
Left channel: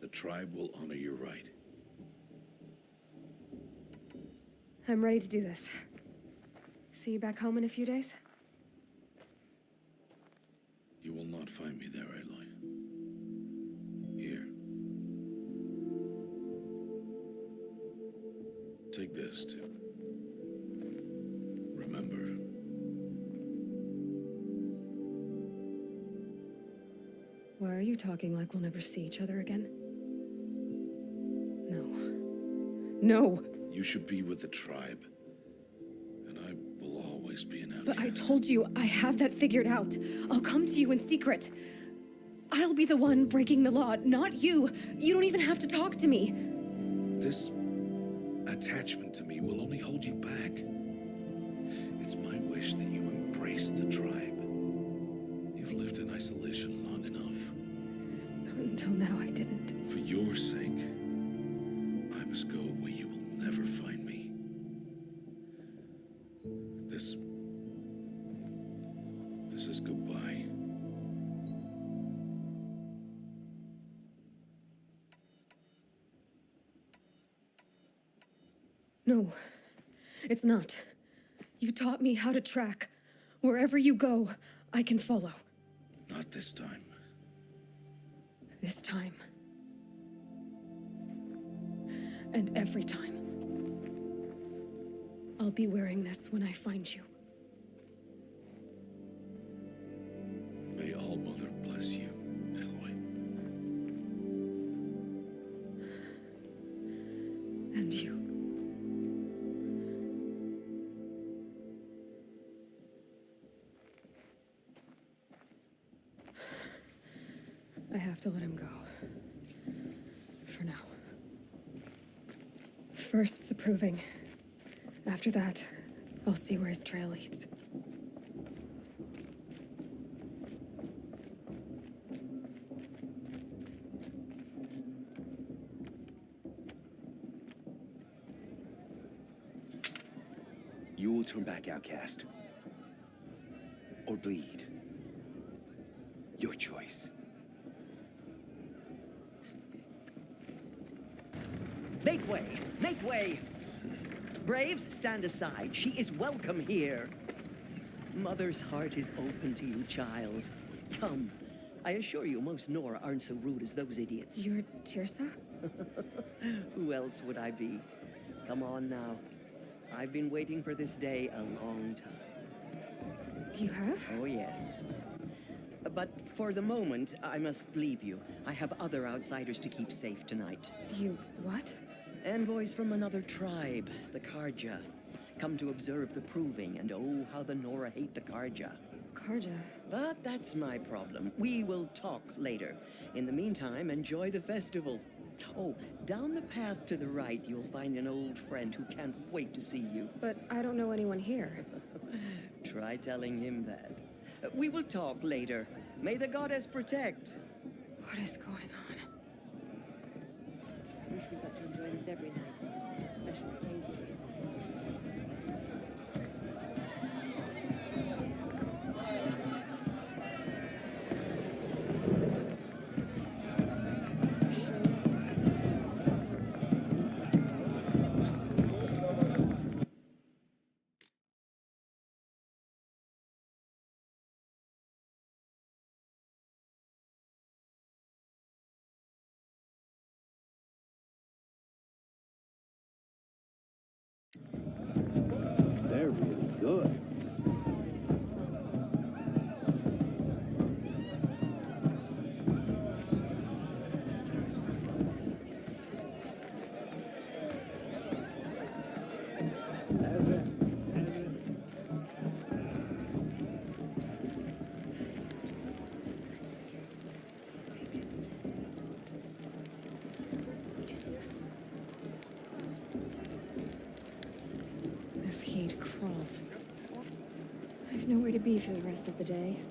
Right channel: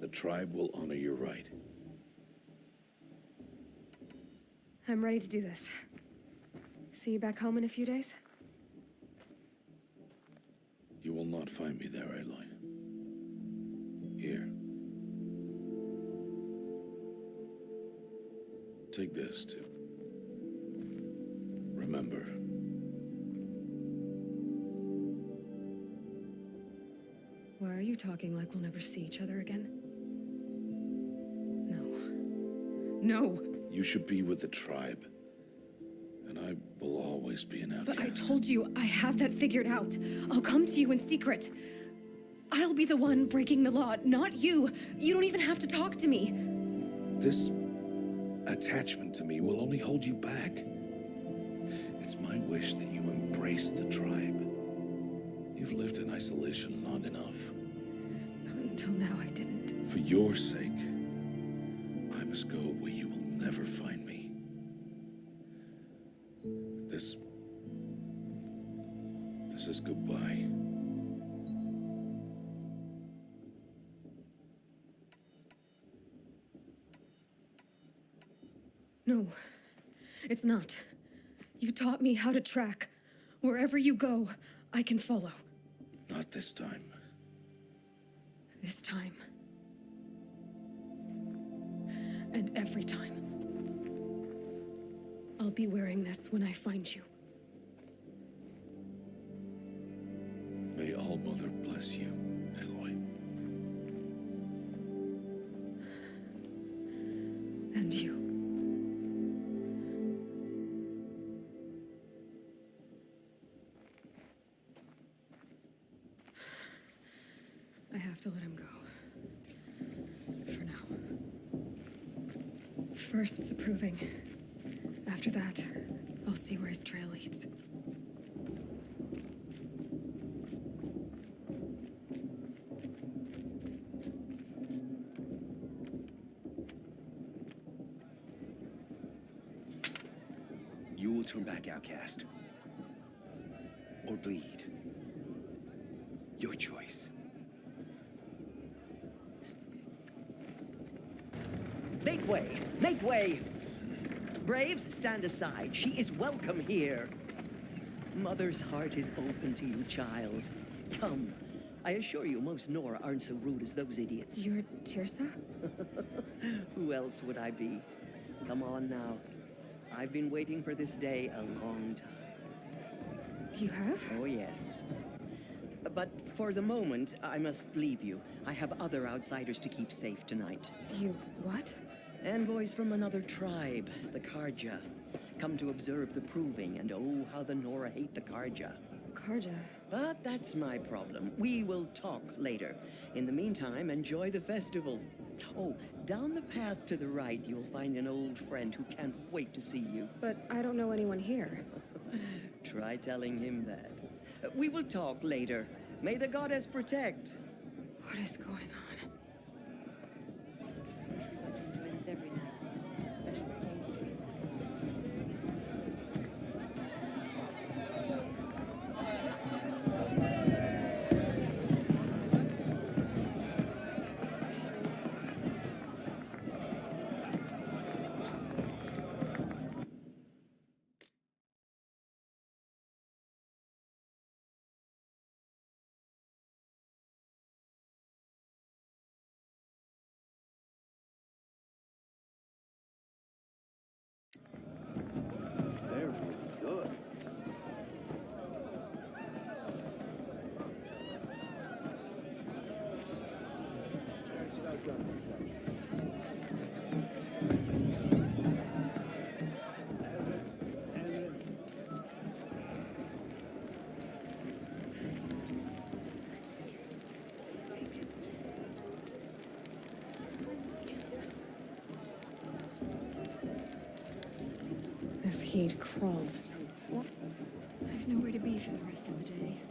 The tribe will honor your right. I'm ready to do this. See you back home in a few days? You will not find me there, Aloy. Here. Take this, too. Remember. Why are you talking like we'll never see each other again? No. No! You should be with the tribe. And I will always be an outcast. But I told you, I have that figured out. I'll come to you in secret. I'll be the one breaking the law, not you. You don't even have to talk to me. This attachment to me will only hold you back. It's my wish that you embrace the tribe. You've lived in isolation long enough. Until now, I didn't. For your sake, I must go where you will never find me. This is goodbye. No, it's not. You taught me how to track. Wherever you go, I can follow. Not this time. This time. And every time. I'll be wearing this when I find you. May All Mother bless you, Aloy. And you. I have to let him go. For now. First, the proving. After that, I'll see where his trail leads. You will turn back, outcast. Or bleed. Your choice. Make way! Make way! Braves, stand aside. She is welcome here. Mother's heart is open to you, child. Come. I assure you, most Nora aren't so rude as those idiots. You're Tirsa? Who else would I be? Come on now. I've been waiting for this day a long time. You have? Oh, yes. But for the moment, I must leave you. I have other outsiders to keep safe tonight. You what? Envoys from another tribe, the Karja. Come to observe the proving, and oh, how the Nora hate the Karja. Karja. But that's my problem. We will talk later. In the meantime, enjoy the festival. Oh, down the path to the right, you'll find an old friend who can't wait to see you. But I don't know anyone here. Try telling him that. We will talk later. May the goddess protect. What is going on? I wish we got to enjoy this every night. Special occasions. They're really good. This heat crawls. I've nowhere to be for the rest of the day.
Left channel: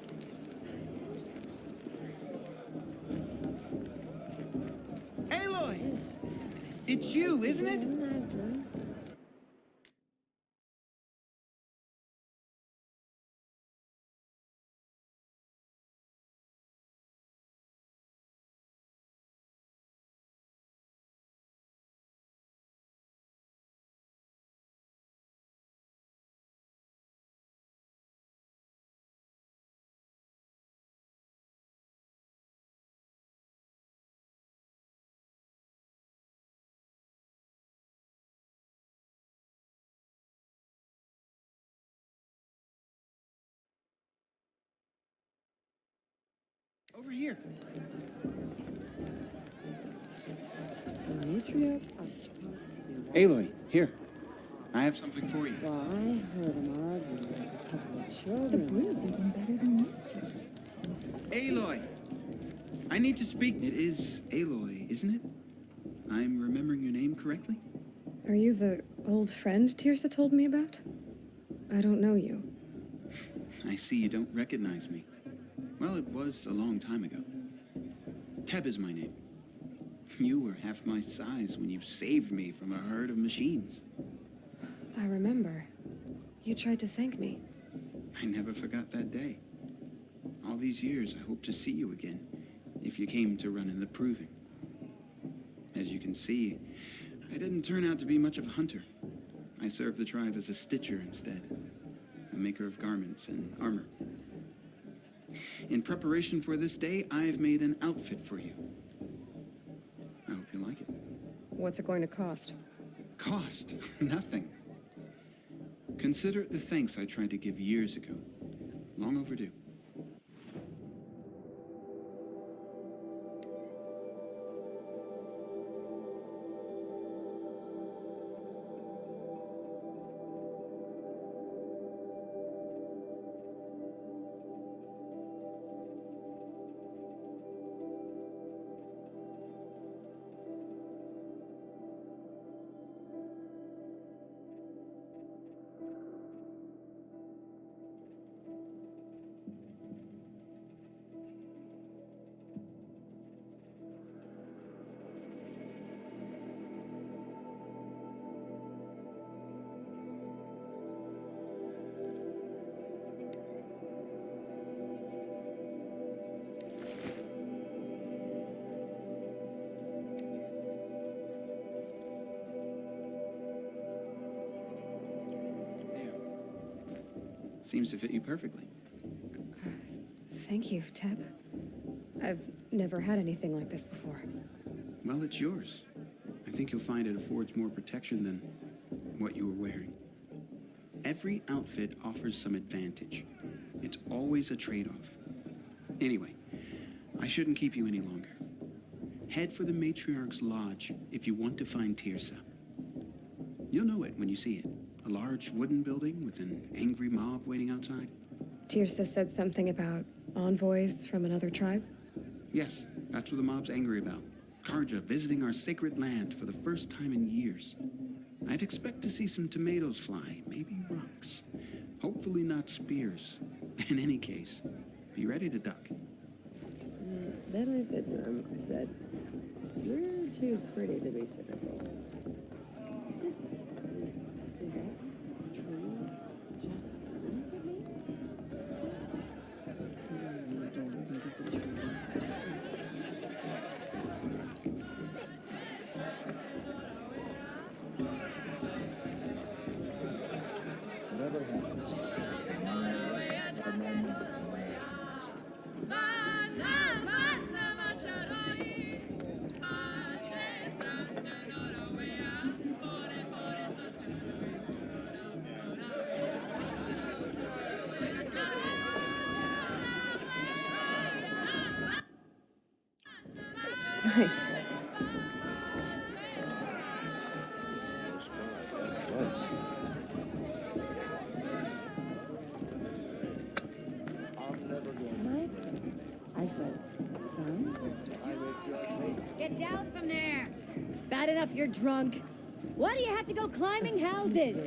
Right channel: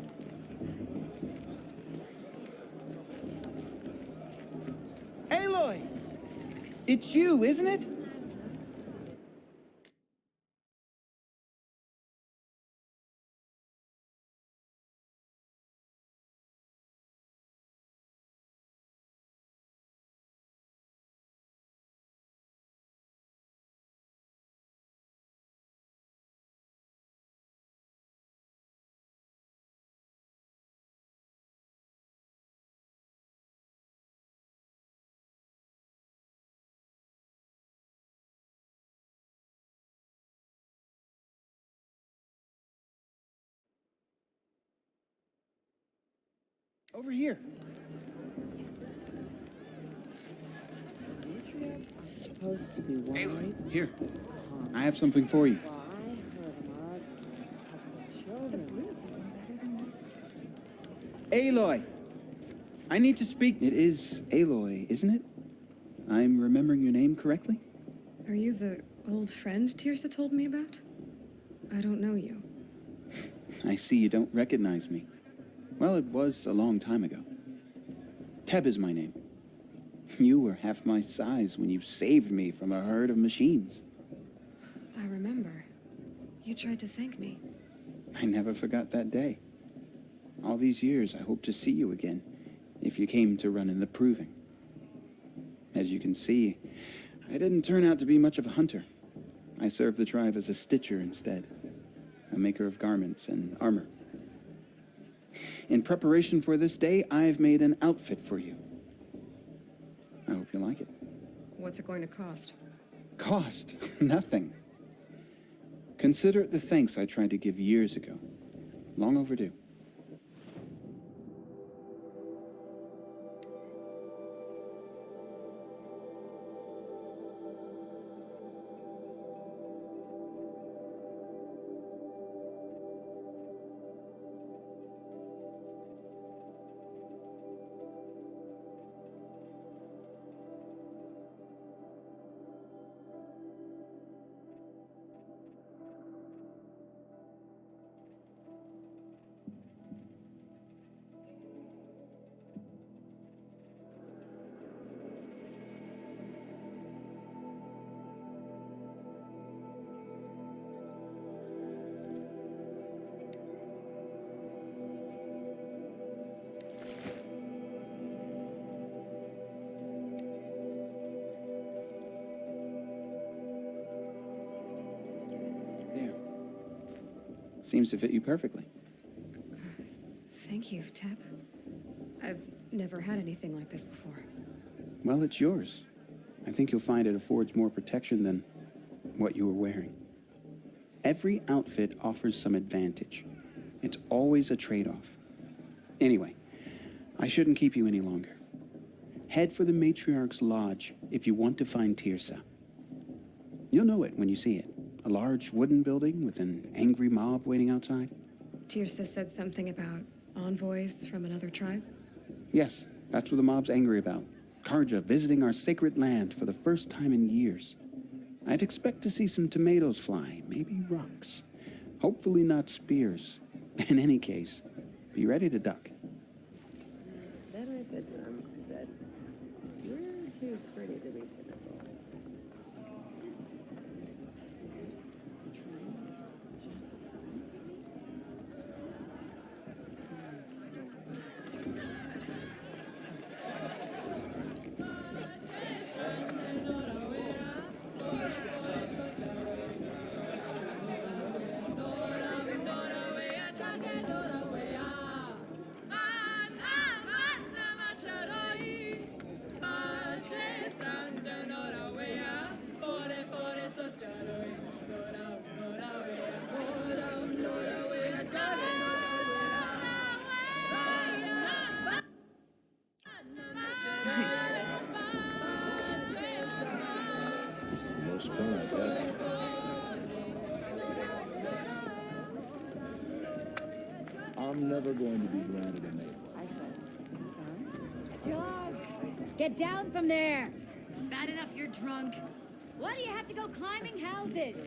It's you, isn't it? Over here. Matriarchs are supposed to be Aloy, here. I have something for you. The breeze even better than this. Aloy! I need to speak. It is Aloy, isn't it? I'm remembering your name correctly? Are you the old friend Tirsa told me about? I don't know you. I see you don't recognize me. Well, it was a long time ago. Teb is my name. You were half my size when you saved me from a herd of machines. I remember. You tried to thank me. I never forgot that day. All these years, I hope to see you again, if you came to run in the proving. As you can see, I didn't turn out to be much of a hunter. I served the tribe as a stitcher instead, a maker of garments and armor. In preparation for this day, I've made an outfit for you. I hope you like it. What's it going to cost? Cost? Nothing. Consider it the thanks I tried to give years ago. Long overdue. Seems to fit you perfectly. Thank you, Teb. I've never had anything like this before. Well, it's yours. I think you'll find it affords more protection than what you were wearing. Every outfit offers some advantage. It's always a trade-off. Anyway, I shouldn't keep you any longer. Head for the Matriarch's Lodge if you want to find Tirsa. You'll know it when you see it. A large wooden building with an angry mob waiting outside. Tirsa said something about envoys from another tribe? Yes, that's what the mob's angry about. Karja visiting our sacred land for the first time in years. I'd expect to see some tomatoes fly, maybe rocks. Hopefully not spears. In any case, be ready to duck. That is it, said. You're too pretty to be cynical. Did that tree just wink at me? Nice. Jog! Get down from there! Bad enough you're drunk. Why do you have to go climbing houses?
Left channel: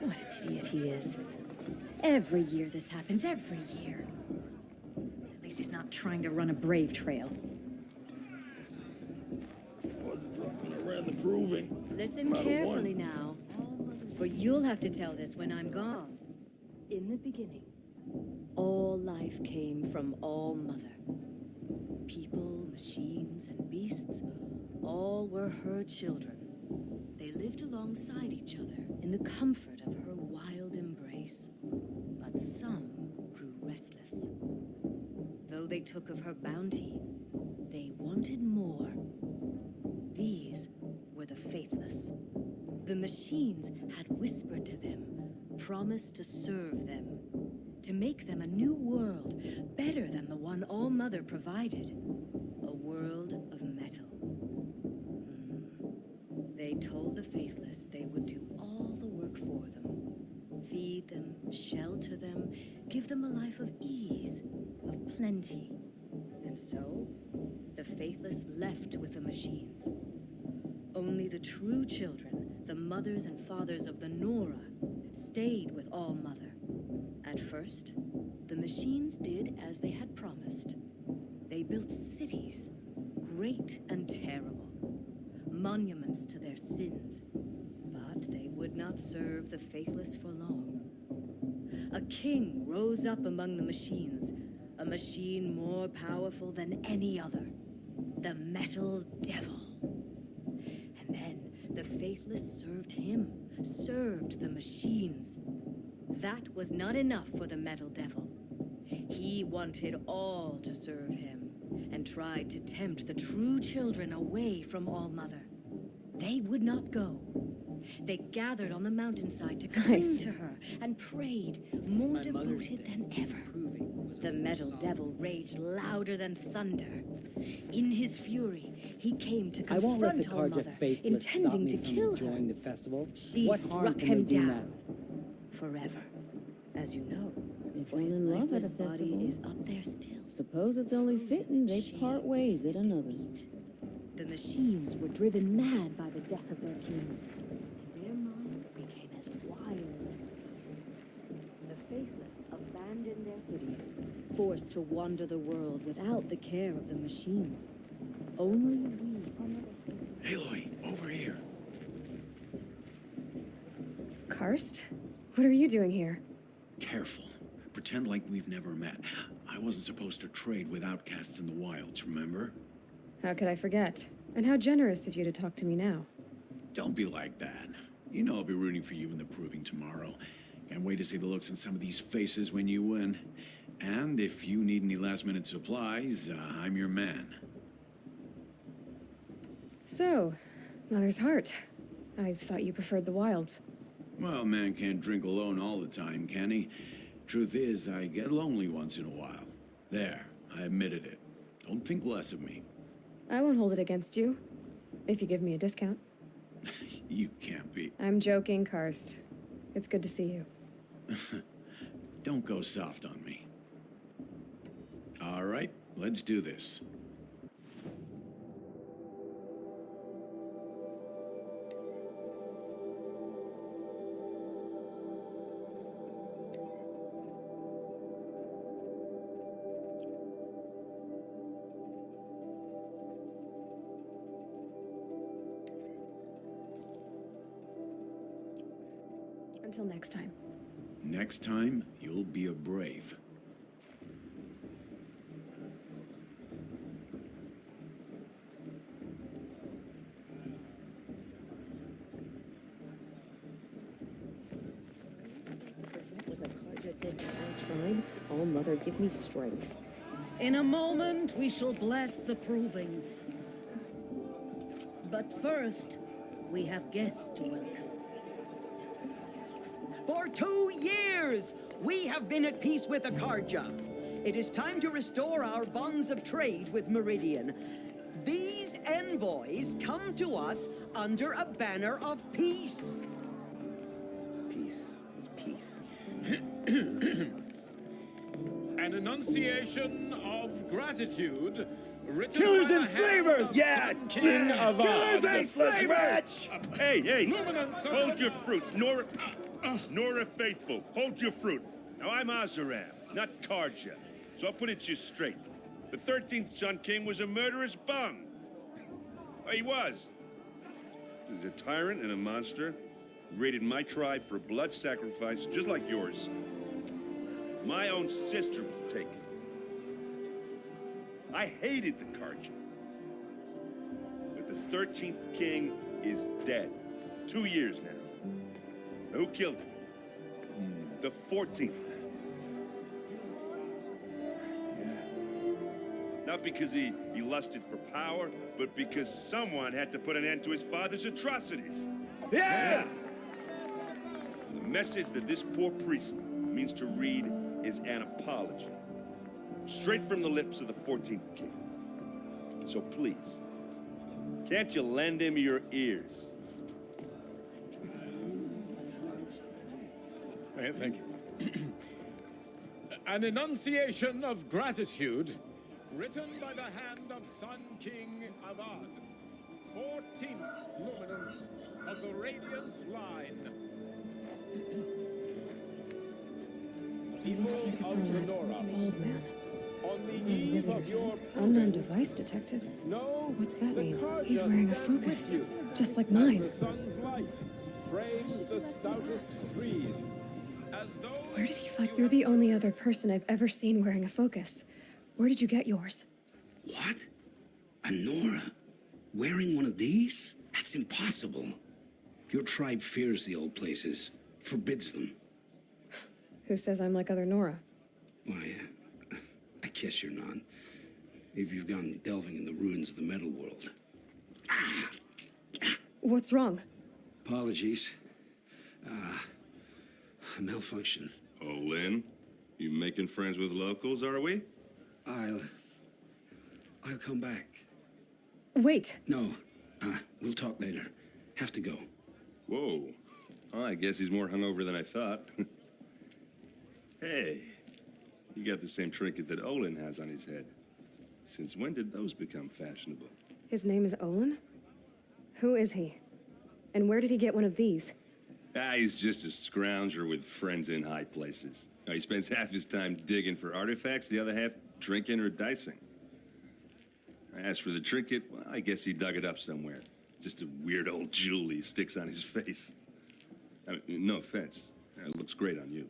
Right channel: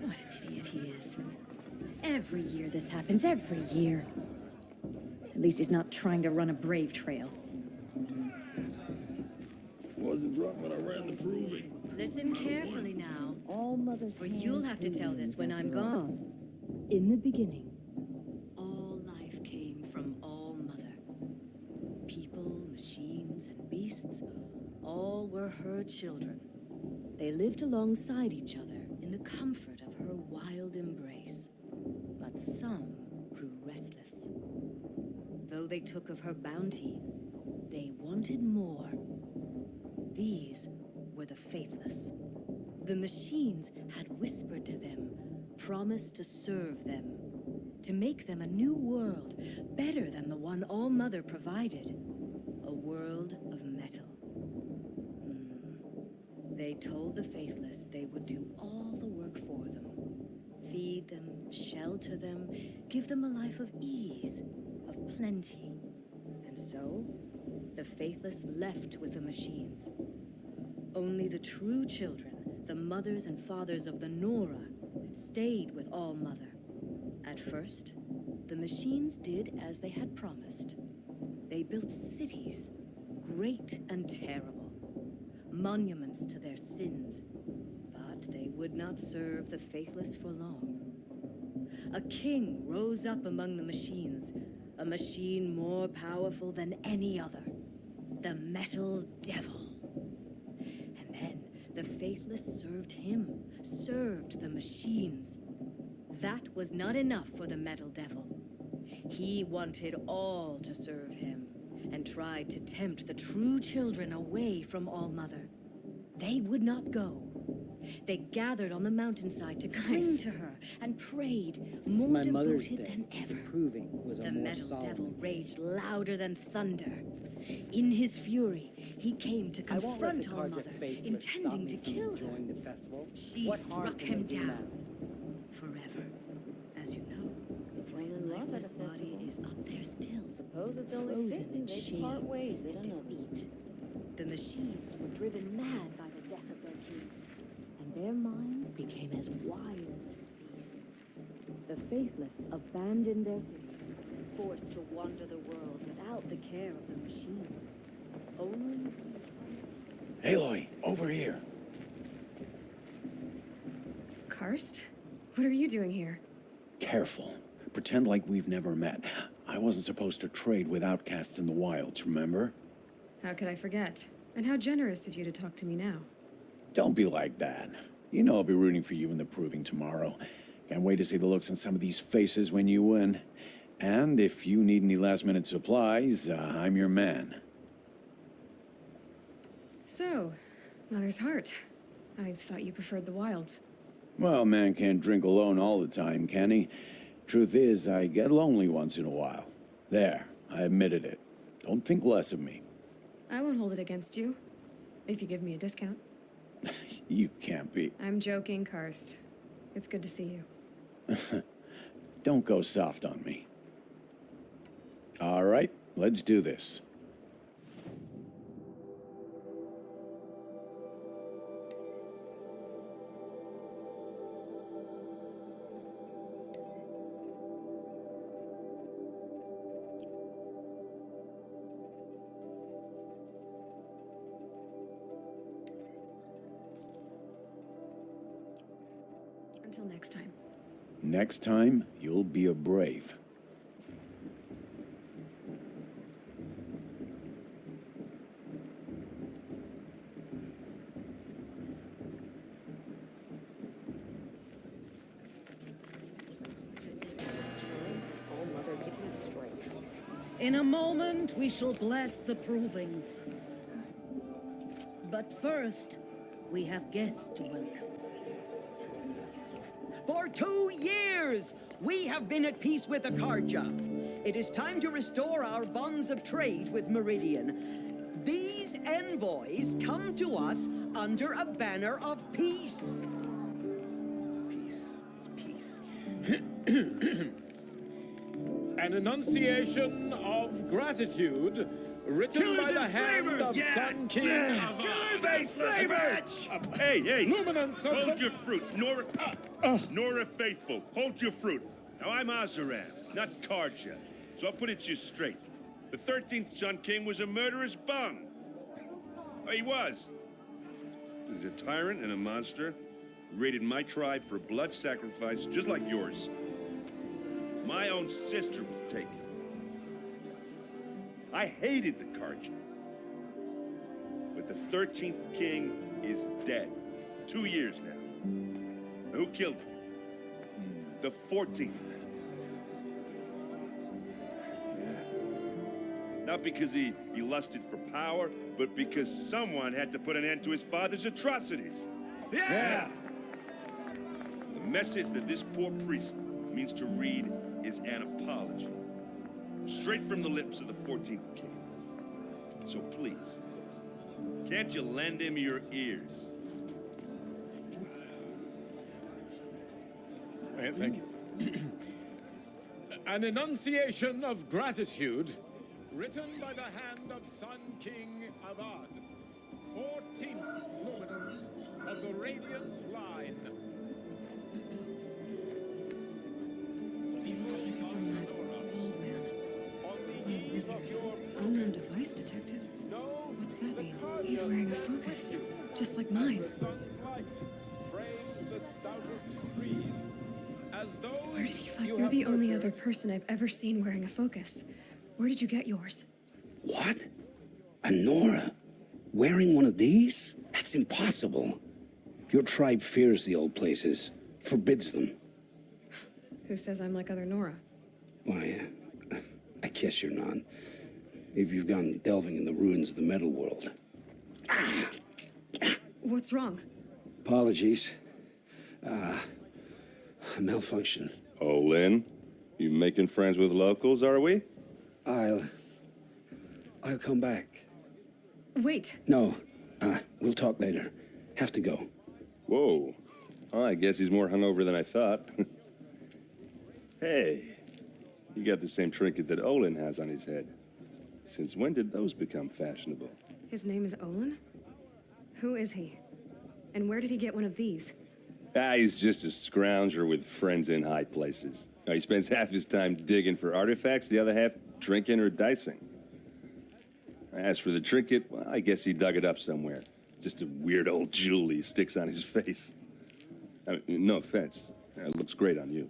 What an idiot he is. Every year this happens, every year. At least he's not trying to run a brave trail. Wasn't drunk when I stand the proving. Listen No matter carefully what. now, All mothers. for you'll have to tell this when I'm gone. In the beginning, all life came from All Mother. People, machines, and beasts, all were her children. They lived alongside each other in the comfort of her wild embrace. But some grew restless. Though they took of her bounty, they wanted more. These were the faithless. The machines had whispered to them, promised to serve them, to make them a new world, better than the one All Mother provided. A world of metal. They told the faithless they would do all the work for them. Feed them, shelter them, give them a life of ease, of plenty. And so, the faithless left with the machines. Only the true children, the mothers and fathers of the Nora, stayed with All Mother. At first, the machines did as they had promised. They built cities, great and terrible, monuments to their sins, but they would not serve the faithless for long. A king rose up among the machines, a machine more powerful than any other, the Metal Devil. And then the faithless served him, served the machines. That was not enough for the Metal Devil. He wanted all to serve him, and tried to tempt the true children away from All Mother. They would not go. They gathered on the mountainside to cling to her and prayed, more devoted than ever. The Metal Devil raged louder than thunder. In his fury, he came to confront All Mother, intending to kill her. She struck him down forever, as you know. For his lifeless body is up there still. Suppose it's only fitting they part ways at another. Defeat. The machines were driven mad by the death of their king, and their minds became as wild as beasts. The faithless abandoned their cities, forced to wander the world without the care of the machines. Only we. Aloy, over here. Karst? What are you doing here? Careful. Pretend like we've never met. I wasn't supposed to trade with outcasts in the wilds, remember? How could I forget? And how generous of you to talk to me now. Don't be like that. You know I'll be rooting for you in the proving tomorrow. Can't wait to see the looks on some of these faces when you win. And if you need any last-minute supplies, I'm your man. So, Mother's Heart. I thought you preferred the wilds. Well, man can't drink alone all the time, can he? Truth is, I get lonely once in a while. There, I admitted it. Don't think less of me. I won't hold it against you, if you give me a discount. You can't be. I'm joking, Karst. It's good to see you. Don't go soft on me. All right, let's do this. Until next time. Next time, you'll be a brave. All Mother, give me strength. In a moment, we shall bless the proving. But first, we have guests to welcome. For 2 years, we have been at peace with Akarja. It is time to restore our bonds of trade with Meridian. These envoys come to us under a banner of peace. Peace. It's peace. An enunciation of gratitude written Killers by the and hand slavers! of Yeah! Sun King of Killers and slavers! Hey! Luminance of Hold the- your fruit, Nora Faithful. Hold your fruit. Now, I'm Azaram, not Karja, so I'll put it to you straight. The 13th Sun King was a murderous bung. He was. is a tyrant and a monster. Raided my tribe for blood sacrifice, just like yours. My own sister was taken. I hated the Karja. But the 13th king is dead. 2 years now. Who killed him? The 14th. Yeah. Not because he lusted for power, but because someone had to put an end to his father's atrocities. Yeah! The message that this poor priest means to read is an apology. Straight from the lips of the 14th king. So please, can't you lend him your ears? Thank you. An enunciation of gratitude written by the hand of Sun King Avad, 14th luminance of the Radiant Line. It looks like it's on that bald man. One of the visitors. Unknown device detected. What's that mean? He's wearing a focus, just like mine. Where did he find? You're the only other person I've ever seen wearing a focus. Where did you get yours? What? A Nora? Wearing one of these? That's impossible. Your tribe fears the old places, forbids them. Who says I'm like other Nora? Why, I guess you're not. If you've gone delving in the ruins of the metal world. What's wrong? Apologies. A malfunction. Oh, Lynn, you making friends with locals, are we? I'll come back. Wait. No, we'll talk later. Have to go. Whoa. Oh, I guess he's more hungover than I thought. Hey, you got the same trinket that Olin has on his head. Since when did those become fashionable? His name is Olin? Who is he? And where did he get one of these? He's just a scrounger with friends in high places. He spends half his time digging for artifacts, the other half drinking or dicing. As for the trinket, well, I guess he dug it up somewhere. Just a weird old jewel he sticks on his face. I mean, no offense. It looks great on you.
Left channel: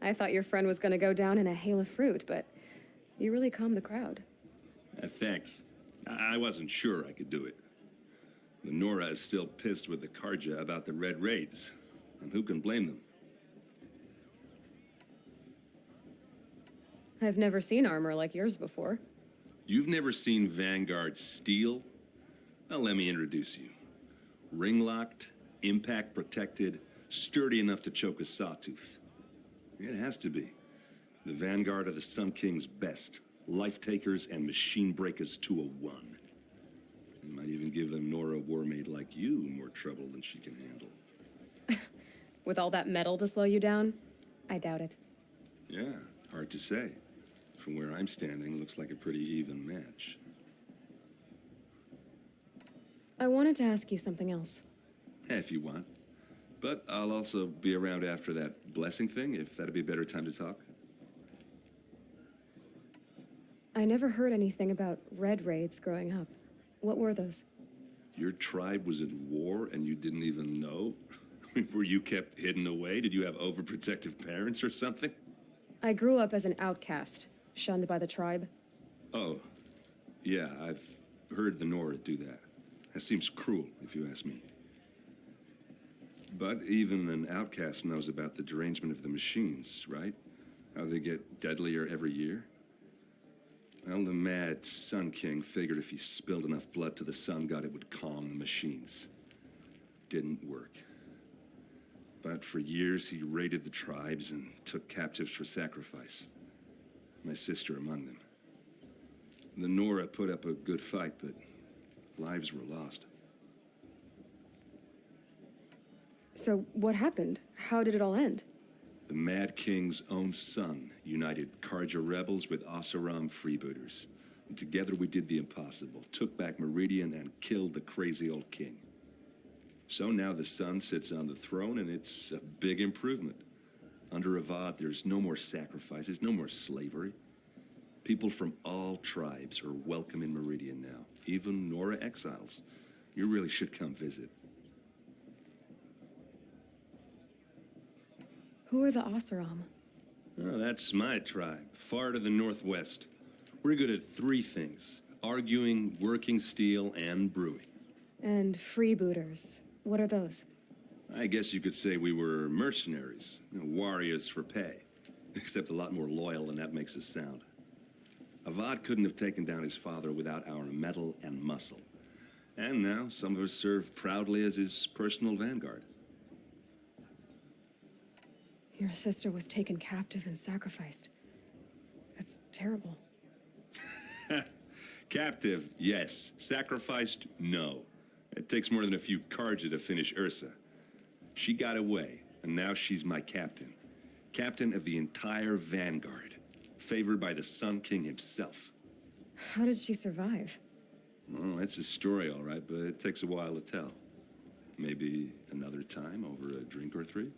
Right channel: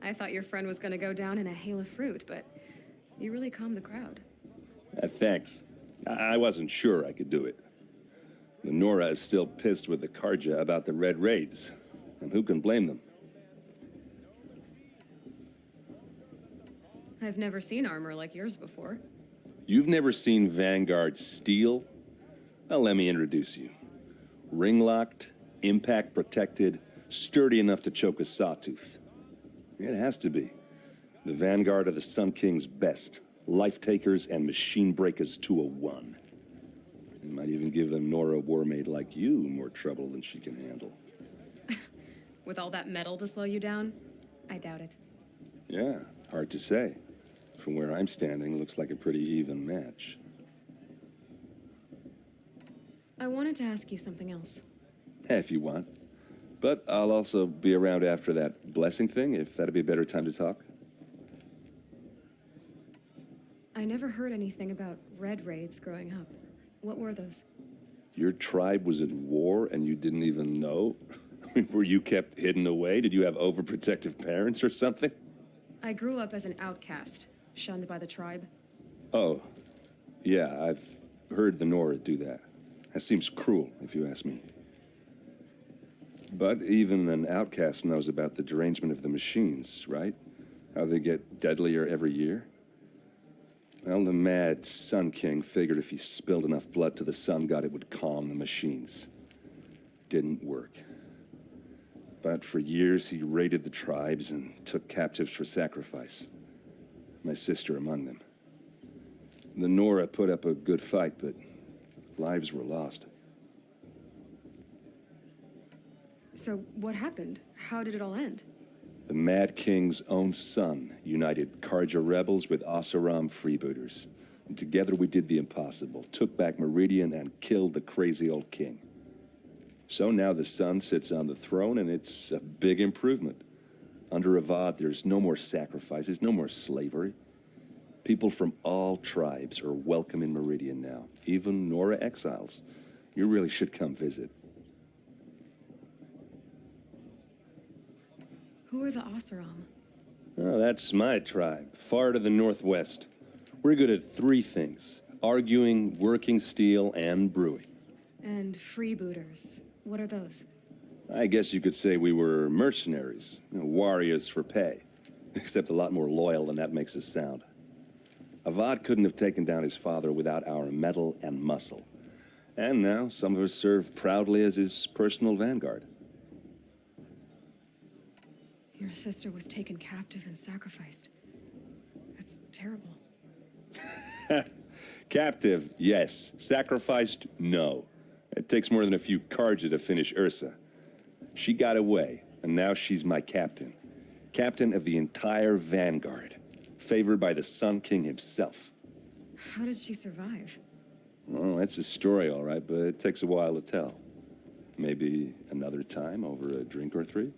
I thought your friend was going to go down in a hail of fruit, but you really calmed the crowd. Thanks. I wasn't sure I could do it. The Nora is still pissed with the Karja about the Red Raids, and who can blame them? I've never seen armor like yours before. You've never seen Vanguard steel? Well, let me introduce you. Ring-locked, impact-protected, sturdy enough to choke a sawtooth. It has to be. The Vanguard of the Sun King's best. Life-takers and machine breakers to a one. It might even give a Nora warmaid like you more trouble than she can handle. With all that metal to slow you down? I doubt it. Yeah, hard to say. From where I'm standing, looks like a pretty even match. I wanted to ask you something else. If you want. But I'll also be around after that blessing thing, if that'd be a better time to talk. I never heard anything about red raids growing up. What were those? Your tribe was at war and you didn't even know? I mean, were you kept hidden away? Did you have overprotective parents or something? I grew up as an outcast, shunned by the tribe. Oh, yeah, I've heard the Nora do that. That seems cruel, if you ask me. But even an outcast knows about the derangement of the machines, right? How they get deadlier every year? Well, the mad Sun King figured if he spilled enough blood to the Sun God, it would calm the machines. Didn't work. But for years, he raided the tribes and took captives for sacrifice. My sister among them. The Nora put up a good fight, but lives were lost. So what happened? How did it all end? The Mad King's own son united Karja rebels with Oseram freebooters. And together we did the impossible, took back Meridian and killed the crazy old king. So now the son sits on the throne and it's a big improvement. Under Avad, there's no more sacrifices, no more slavery. People from all tribes are welcome in Meridian now, even Nora exiles. You really should come visit. Who are the Oseram? Oh, that's my tribe, far to the northwest. We're good at three things: arguing, working steel, and brewing. And freebooters. What are those? I guess you could say we were mercenaries, warriors for pay, except a lot more loyal than that makes us sound. Avad couldn't have taken down his father without our metal and muscle. And now some of us serve proudly as his personal vanguard. Your sister was taken captive and sacrificed. That's terrible. Captive, yes. Sacrificed, no. It takes more than a few Karja to finish Ursa. She got away, and now she's my captain. Captain of the entire vanguard. Favored by the Sun King himself. How did she survive? Oh, that's a story, all right, but it takes a while to tell. Maybe another time over a drink or three?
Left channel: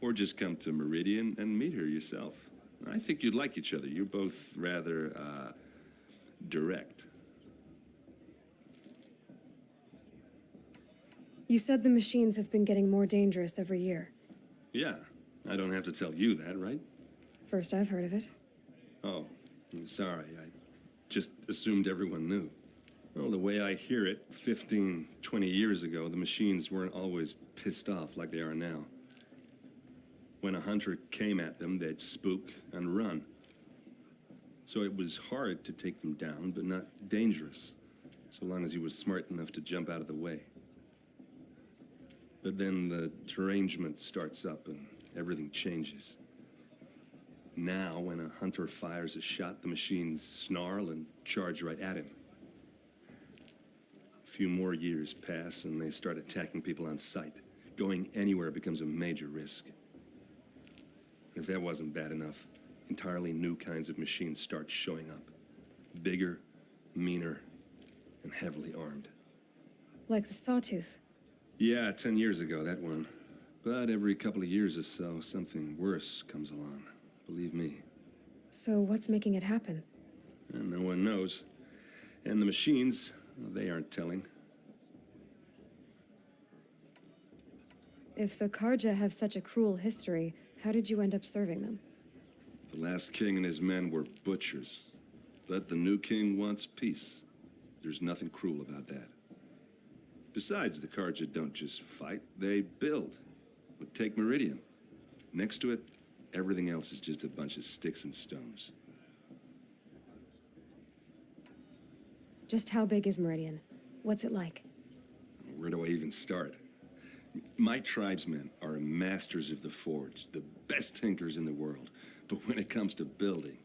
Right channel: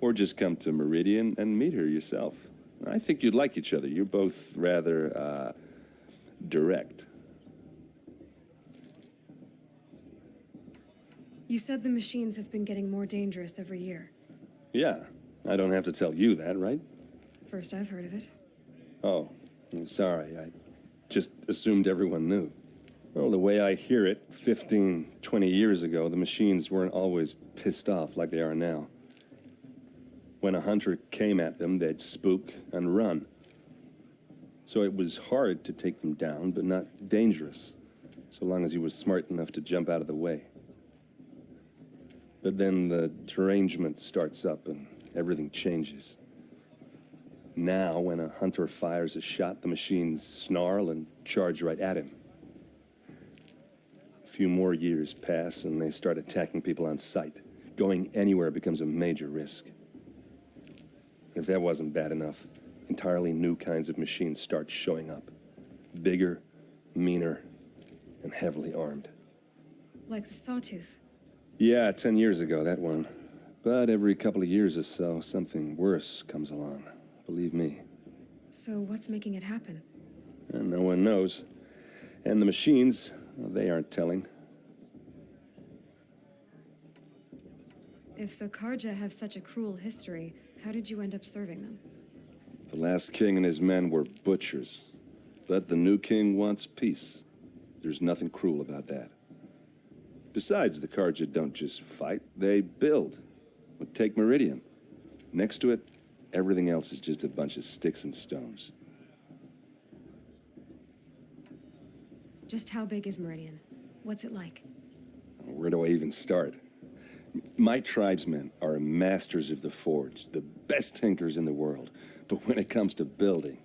Or just come to Meridian and meet her yourself. I think you'd like each other. You're both rather, direct. You said the machines have been getting more dangerous every year. Yeah, I don't have to tell you that, right? First I've heard of it. Oh, I'm sorry. I just assumed everyone knew. Well, the way I hear it, 15, 20 years ago, the machines weren't always pissed off like they are now. When a hunter came at them, they'd spook and run. So it was hard to take them down, but not dangerous, so long as he was smart enough to jump out of the way. But then the derangement starts up and everything changes. Now, when a hunter fires a shot, the machines snarl and charge right at him. A few more years pass and they start attacking people on sight. Going anywhere becomes a major risk. If that wasn't bad enough, entirely new kinds of machines start showing up. Bigger, meaner, and heavily armed. Like the Sawtooth. Yeah, 10 years ago, that one. But every couple of years or so, something worse comes along. Believe me. So what's making it happen? And no one knows. And the machines, well, they aren't telling. If the Karja have such a cruel history, how did you end up serving them? The last king and his men were butchers. But the new king wants peace. There's nothing cruel about that. Besides, the Karja don't just fight, they build. Well, take Meridian. Next to it, everything else is just a bunch of sticks and stones. Just how big is Meridian? What's it like? Where do I even start? My tribesmen are masters of the forge, the best tinkers in the world. But when it comes to building,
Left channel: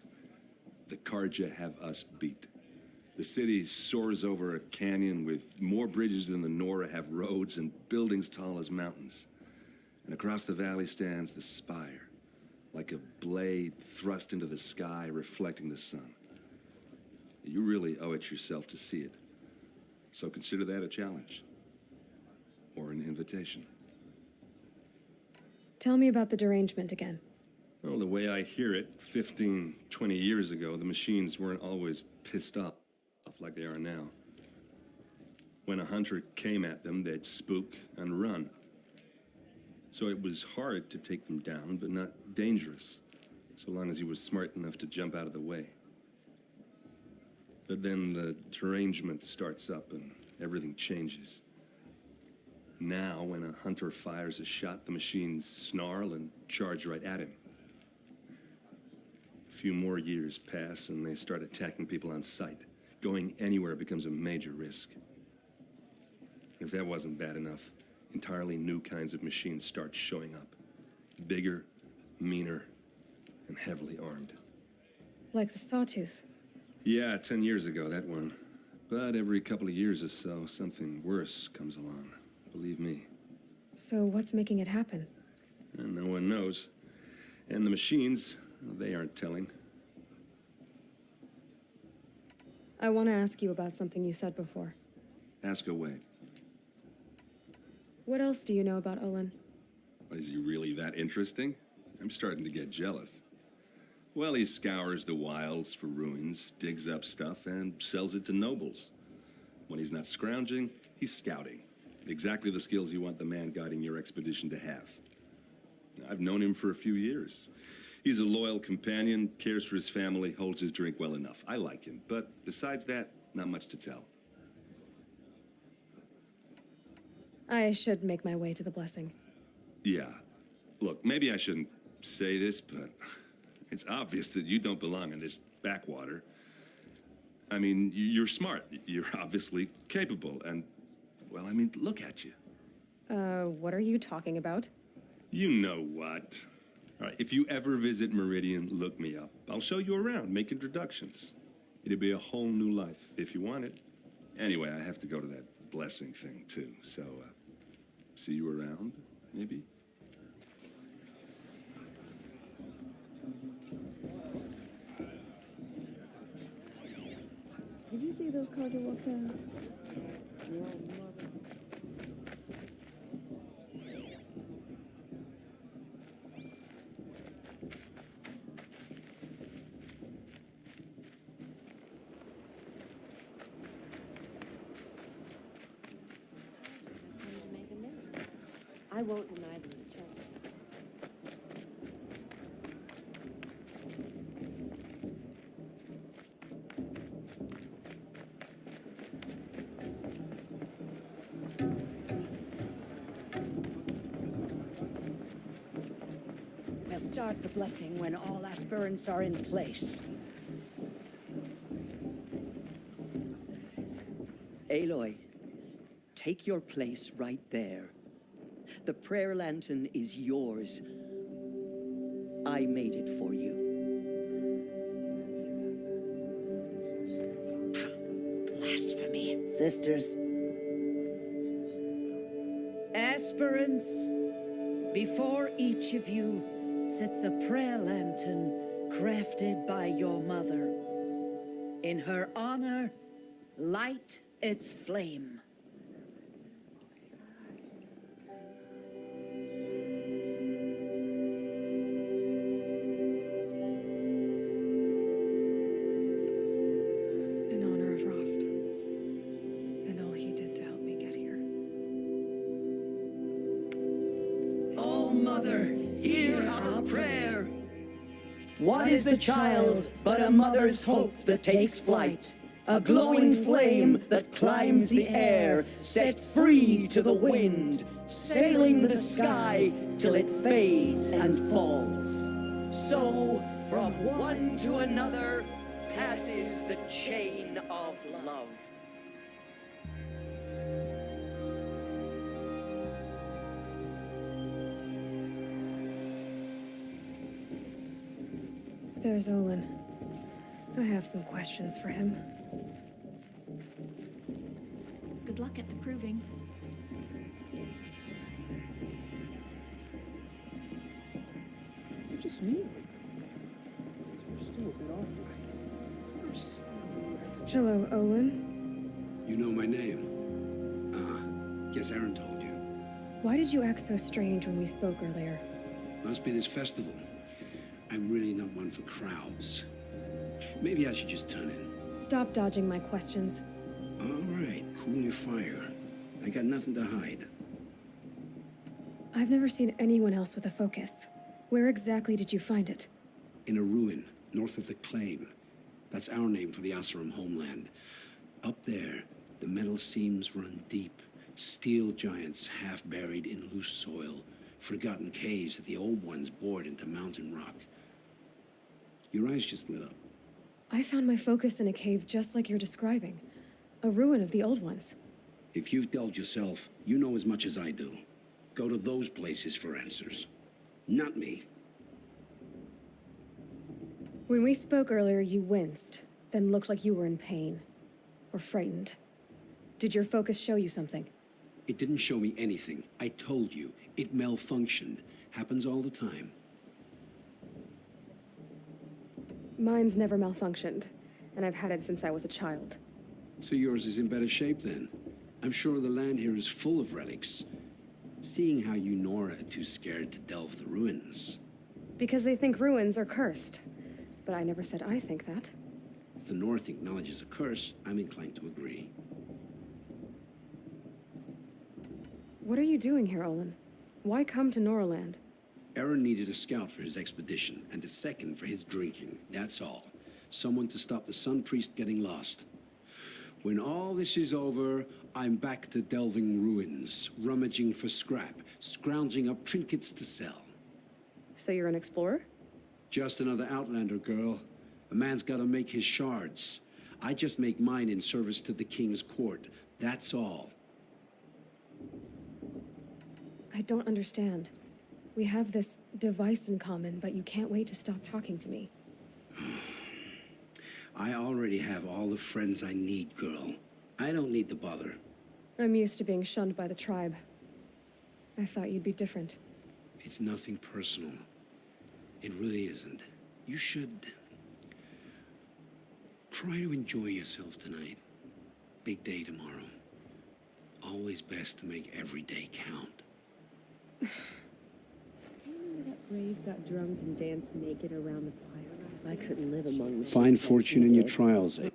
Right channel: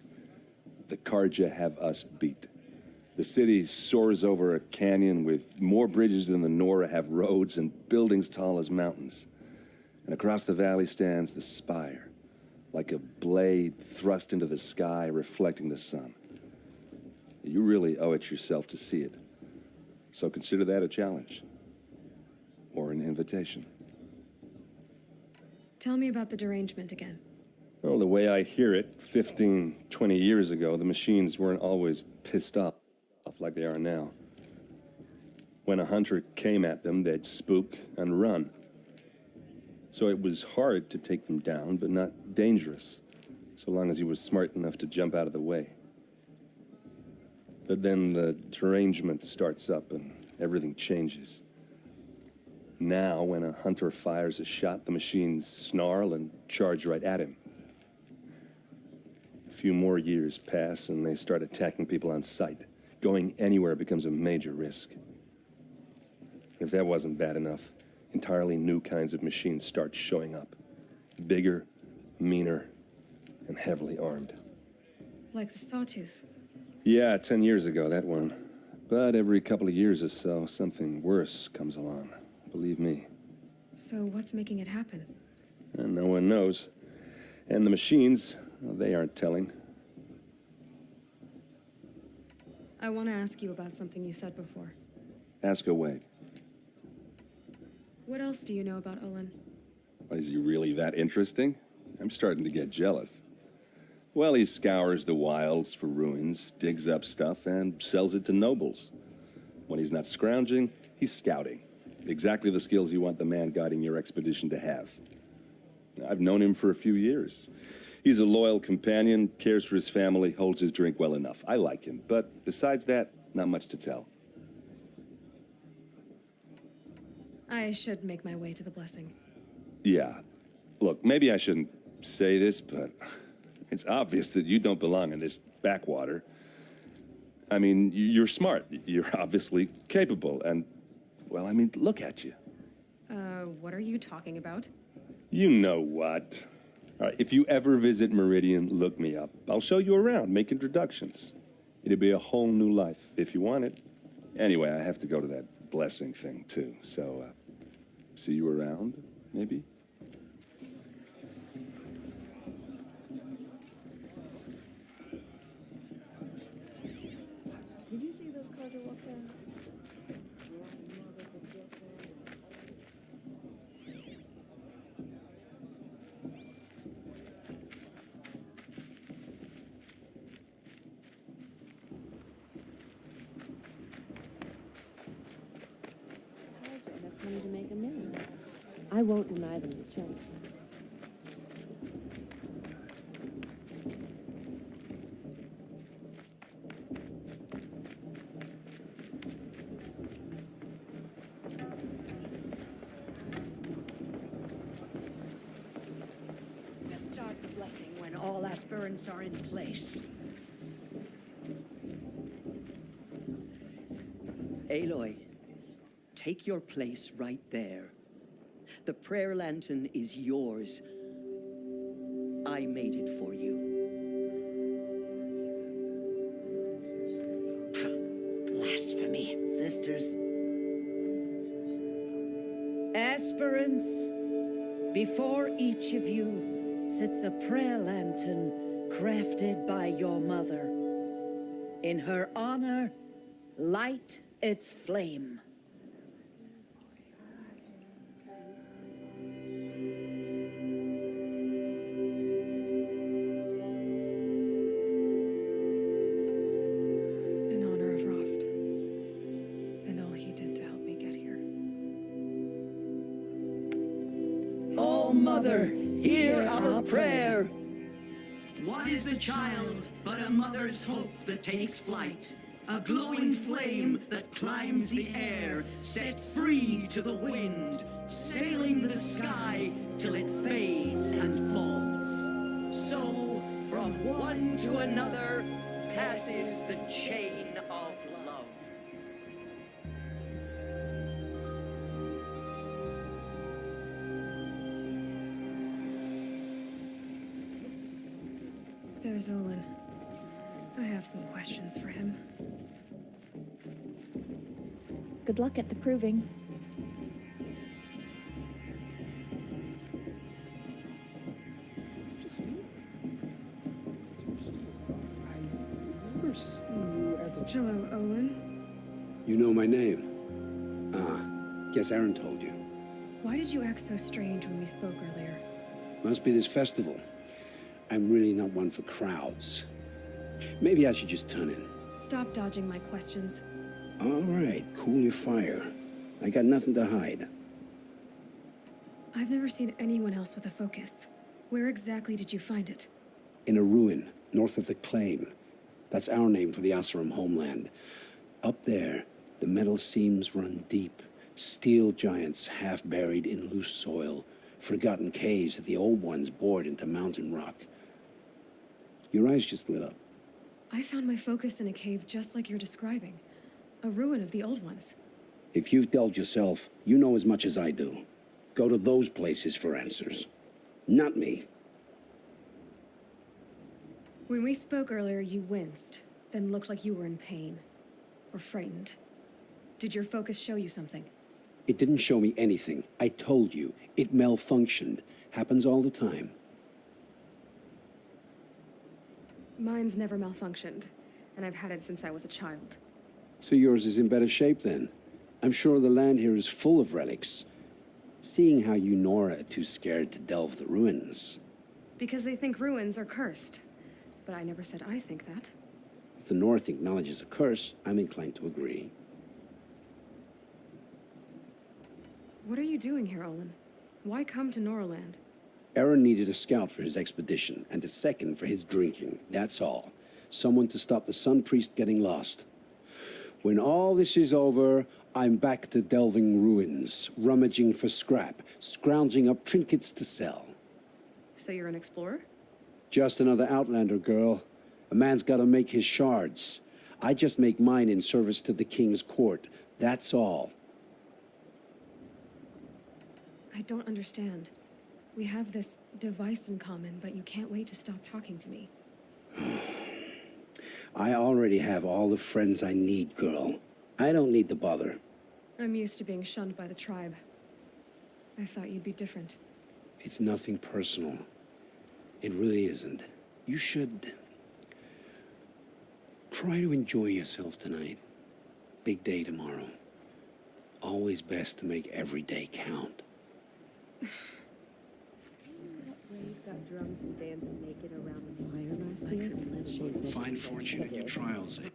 the Karja have us beat. The city soars over a canyon with more bridges than the Nora have roads and buildings tall as mountains. And across the valley stands the spire, like a blade thrust into the sky, reflecting the sun. You really owe it yourself to see it. So consider that a challenge. Or an invitation. Tell me about the derangement again. Well, the way I hear it, 15, 20 years ago, the machines weren't always pissed off like they are now. When a hunter came at them, they'd spook and run. So it was hard to take them down, but not dangerous, so long as he was smart enough to jump out of the way. But then the derangement starts up and everything changes. Now, when a hunter fires a shot, the machines snarl and charge right at him. A few more years pass and they start attacking people on sight. Going anywhere becomes a major risk. If that wasn't bad enough, entirely new kinds of machines start showing up. Bigger, meaner, and heavily armed. Like the Sawtooth. Yeah, 10 years ago, that one. But every couple of years or so, something worse comes along. Believe me. So what's making it happen? And no one knows. And the machines, well, they aren't telling. I want to ask you about something you said before. Ask away. What else do you know about Olin? Is he really that interesting? I'm starting to get jealous. Well, he scours the wilds for ruins, digs up stuff, and sells it to nobles. When he's not scrounging, he's scouting. Exactly the skills you want the man guiding your expedition to have. I've known him for a few years. He's a loyal companion, cares for his family, holds his drink well enough. I like him, but besides that, not much to tell. I should make my way to the blessing. Yeah. Look, maybe I shouldn't say this, but it's obvious that you don't belong in this backwater. I mean, you're smart. You're obviously capable, and, well, I mean, look at you. What are you talking about? You know what. All right, if you ever visit Meridian, look me up. I'll show you around, make introductions. It'll be a whole new life, if you want it. Anyway, I have to go to that blessing thing, too, so, see you around, maybe? Did you see those cargo weapons? To make a new. I won't deny them the joke. We'll start the blessing when all aspirants are in place. Aloy, take your place right there. The prayer lantern is yours. I made it for you. Blasphemy. Sisters. Aspirants, before each of you sits a prayer lantern crafted by your mother. In her honor, light its flame. In honor of Rost. And all he did to help me get here. Oh, Mother, hear our prayer. What is the child but a mother's hope that takes flight? A glowing flame that climbs the air, set free to the wind, sailing the sky till it fades and falls. So, from one to another, passes the chain of love. There's Olin. I have some questions for him. Good luck at the proving. Is it just me? We're still a bit off. I remember seeing you as a child. Hello, Olin. You know my name? Ah, guess Aaron told you. Why did you act so strange when we spoke earlier? Must be this festival. I'm really not one for crowds. Maybe I should just turn in. Stop dodging my questions. All right, cool your fire. I got nothing to hide. I've never seen anyone else with a focus. Where exactly did you find it? In a ruin, north of the Claim. That's our name for the Asuram homeland. Up there, the metal seams run deep. Steel giants half buried in loose soil. Forgotten caves that the old ones bored into mountain rock. Your eyes just lit up. I found my focus in a cave just like you're describing. A ruin of the old ones. If you've delved yourself, you know as much as I do. Go to those places for answers. Not me. When we spoke earlier, you winced, then looked like you were in pain. Or frightened. Did your focus show you something? It didn't show me anything. I told you. It malfunctioned. Happens all the time. Mine's never malfunctioned, and I've had it since I was a child. So yours is in better shape then. I'm sure the land here is full of relics. Seeing how you Nora are too scared to delve the ruins. Because they think ruins are cursed. but I never said I think that. If the North acknowledges a curse, I'm inclined to agree. What are you doing here, Olin? Why come to Norland? Aaron needed a scout for his expedition, and a second for his drinking. That's all. Someone to stop the Sun Priest getting lost. When all this is over, I'm back to delving ruins, rummaging for scrap, scrounging up trinkets to sell. So you're an explorer? Just another Outlander, girl. A man's got to make his shards. I just make mine in service to the king's court. That's all. I don't understand. We have this device in common, but you can't wait to stop talking to me. I already have all the friends I need, girl. I don't need the bother. I'm used to being shunned by the tribe. I thought you'd be different. It's nothing personal. It really isn't. You should try to enjoy yourself tonight. Big day tomorrow. Always best to make every day count. Brave got drunk and danced naked around the fire last night. I couldn't live among them. Find fortune in your trials, eh?